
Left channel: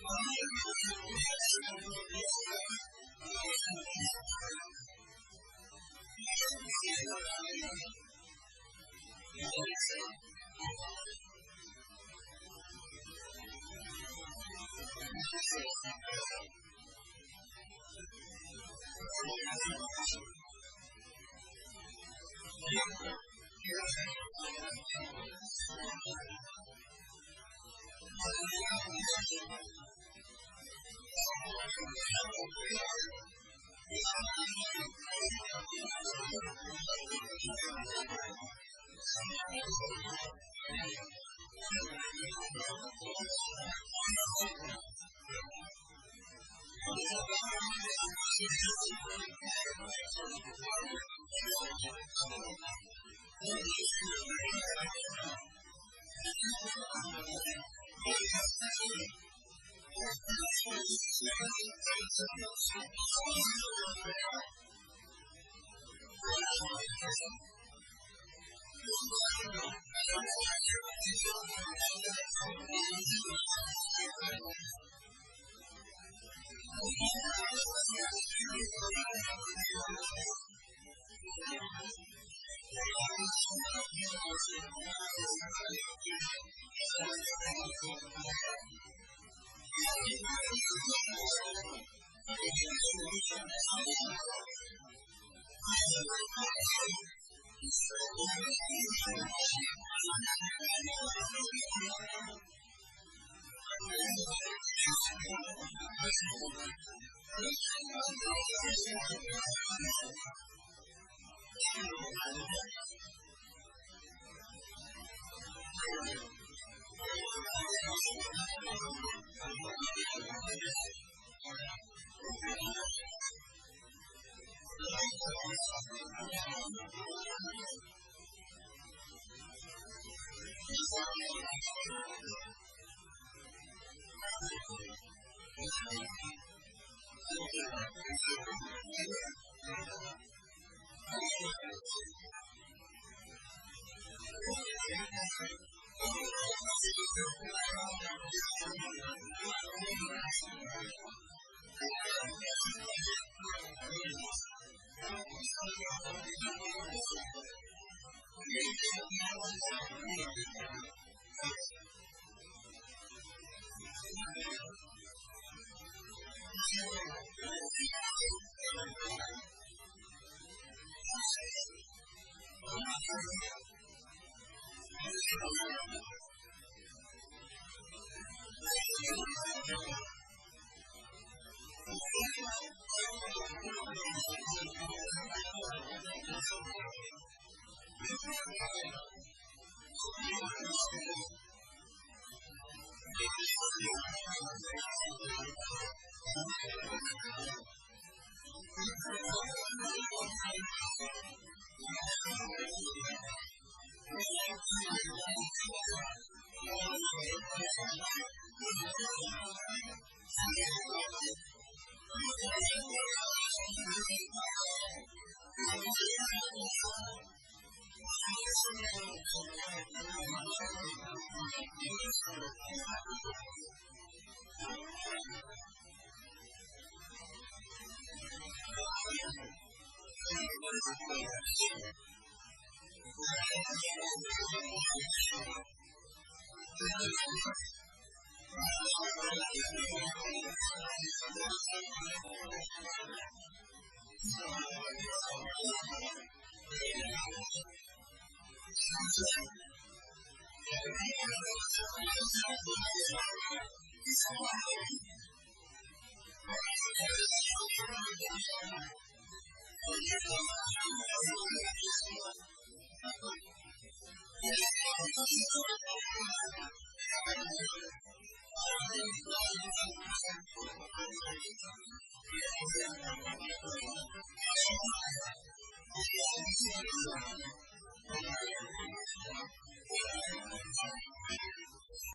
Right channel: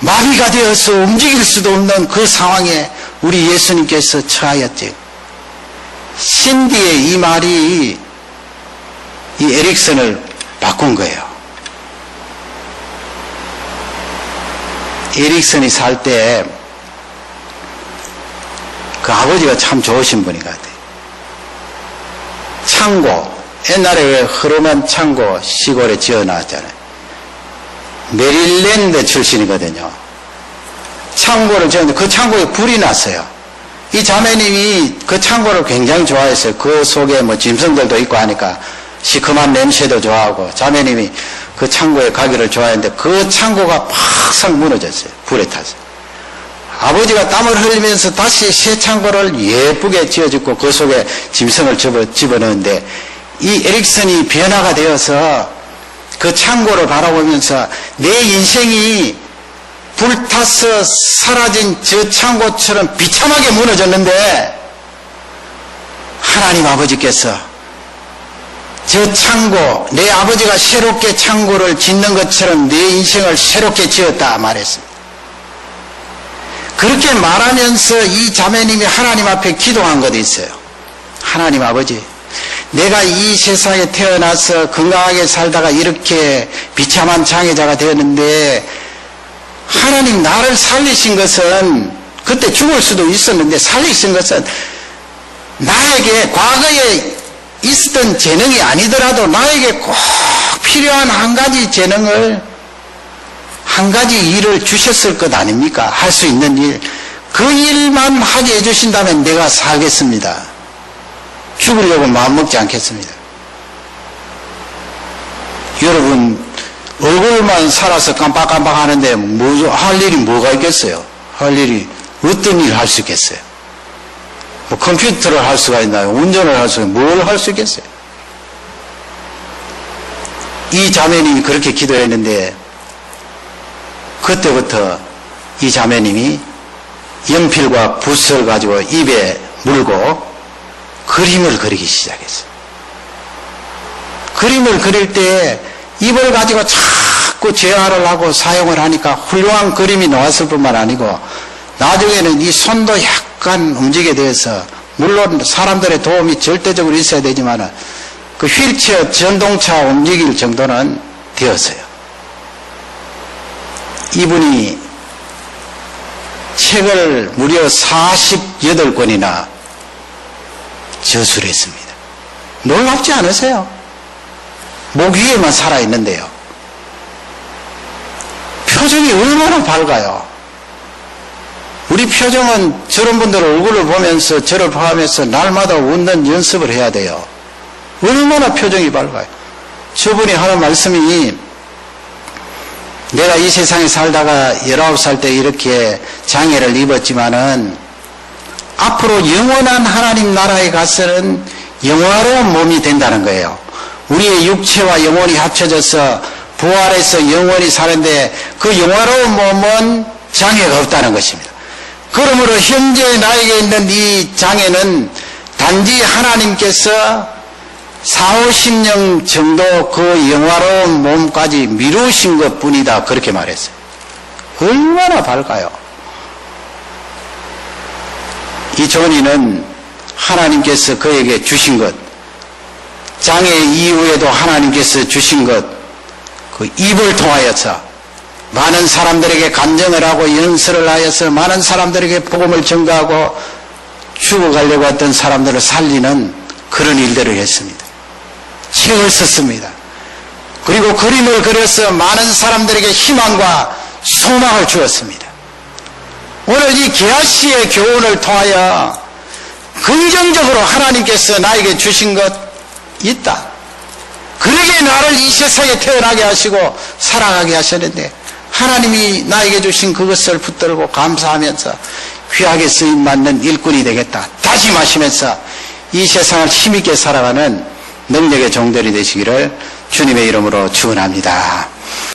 마비가 되어서 움직일 수도 없는 그 상황에 우리 예수님께서 처하였지. 신디의 이 말이 이 에릭슨을 바꾼 거예요. 에릭슨이 살 때 그 아버지가 참 좋으신 분인 것 같아요. 창고, 옛날에 왜 흐름한 창고 시골에 지어놨잖아요. 메릴랜드 출신이거든요. 창고를 지었는데 그 창고에 불이 났어요. 이 자매님이 그 창고를 굉장히 좋아했어요. 그 속에 뭐 짐승들도 있고 하니까 시큼한 냄새도 좋아하고 자매님이 그 창고에 가기를 좋아했는데 그 창고가 팍싹 무너졌어요. 불에 타서. 아버지가 땀을 흘리면서 다시 새 창고를 예쁘게 지어주고 그 속에 짐승을 집어넣는데 이 에릭슨이 변화가 되어서 그 창고를 바라보면서 내 인생이 불타서 사라진 저 창고처럼 비참하게 무너졌는데 하나님 아버지께서 저 창고, 내 아버지가 새롭게 창고를 짓는 것처럼 내 인생을 새롭게 지었다 말했습니다. 그렇게 말하면서 이 자매님이 하나님 앞에 기도한 것도 있어요. 하나님 아버지, 내가 이 세상에 태어나서 건강하게 살다가 이렇게 비참한 장애자가 되었는데 하나님 나를 살리신 것은 그때 죽을 수도 있었는데 살리신 것은 나에게 과거에 있었던 재능이 아니더라도 나에게 꼭 필요한 한 가지 재능을 한 가지 일을 주셨을 것 아닙니까? 할 수 있는 일. 그 일만 하게 해주신다면 내가 살겠습니다. 죽으려고 마음먹지 않겠습니다. 여러분 얼굴만 살아서 깜빡깜빡 하는데 할 일이 뭐가 있겠어요? 할 일이 어떤 일 할 수 있겠어요? 뭐 컴퓨터를 할 수가 있나요? 운전을 할 수가 있나요? 뭘 할 수 있겠어요? 이 자매님이 그렇게 기도했는데 그때부터 이 자매님이 연필과 붓을 가지고 입에 물고 그림을 그리기 시작했어요. 그림을 그릴 때 입을 가지고 자꾸 재활을 하고 사용을 하니까 훌륭한 그림이 나왔을 뿐만 아니고 나중에는 이 손도 약간 움직이게 돼서 물론 사람들의 도움이 절대적으로 있어야 되지만 그 휠체어 전동차 움직일 정도는 되었어요. 이분이 책을 무려 48권이나 저술했습니다. 놀랍지 않으세요? 목 위에만 살아있는데요. 표정이 얼마나 밝아요. 우리 표정은 저런 분들 얼굴을 보면서 저를 포함해서 날마다 웃는 연습을 해야 돼요. 얼마나 표정이 밝아요. 저분이 하는 말씀이 내가 이 세상에 살다가 19살 때 이렇게 장애를 입었지만은 앞으로 영원한 하나님 나라에 가서는 영화로운 몸이 된다는 거예요. 우리의 육체와 영혼이 합쳐져서 부활해서 영원히 사는데 그 영화로운 몸은 장애가 없다는 것입니다. 그러므로 현재 나에게 있는 이 장애는 단지 하나님께서 40-50년 정도 그 영화로운 몸까지 미루신 것 뿐이다. 그렇게 말했어요. 얼마나 밝아요. 이 존이는 하나님께서 그에게 주신 것, 장애 이후에도 하나님께서 주신 것, 그 입을 통하여서 많은 사람들에게 간증을 하고 연설을 하여서 많은 사람들에게 복음을 전가하고 죽어가려고 했던 사람들을 살리는 그런 일들을 했습니다. 책을 썼습니다. 그리고 그림을 그려서 많은 사람들에게 희망과 소망을 주었습니다. 오늘 이 게하시의 교훈을 통하여 긍정적으로 하나님께서 나에게 주신 것 있다. 그러게 나를 이 세상에 태어나게 하시고 살아가게 하셨는데 하나님이 나에게 주신 그것을 붙들고 감사하면서 귀하게 쓰임받는 일꾼이 되겠다 다짐하시면서 이 세상을 힘있게 살아가는 능력의 종들이 되시기를 주님의 이름으로 축원합니다.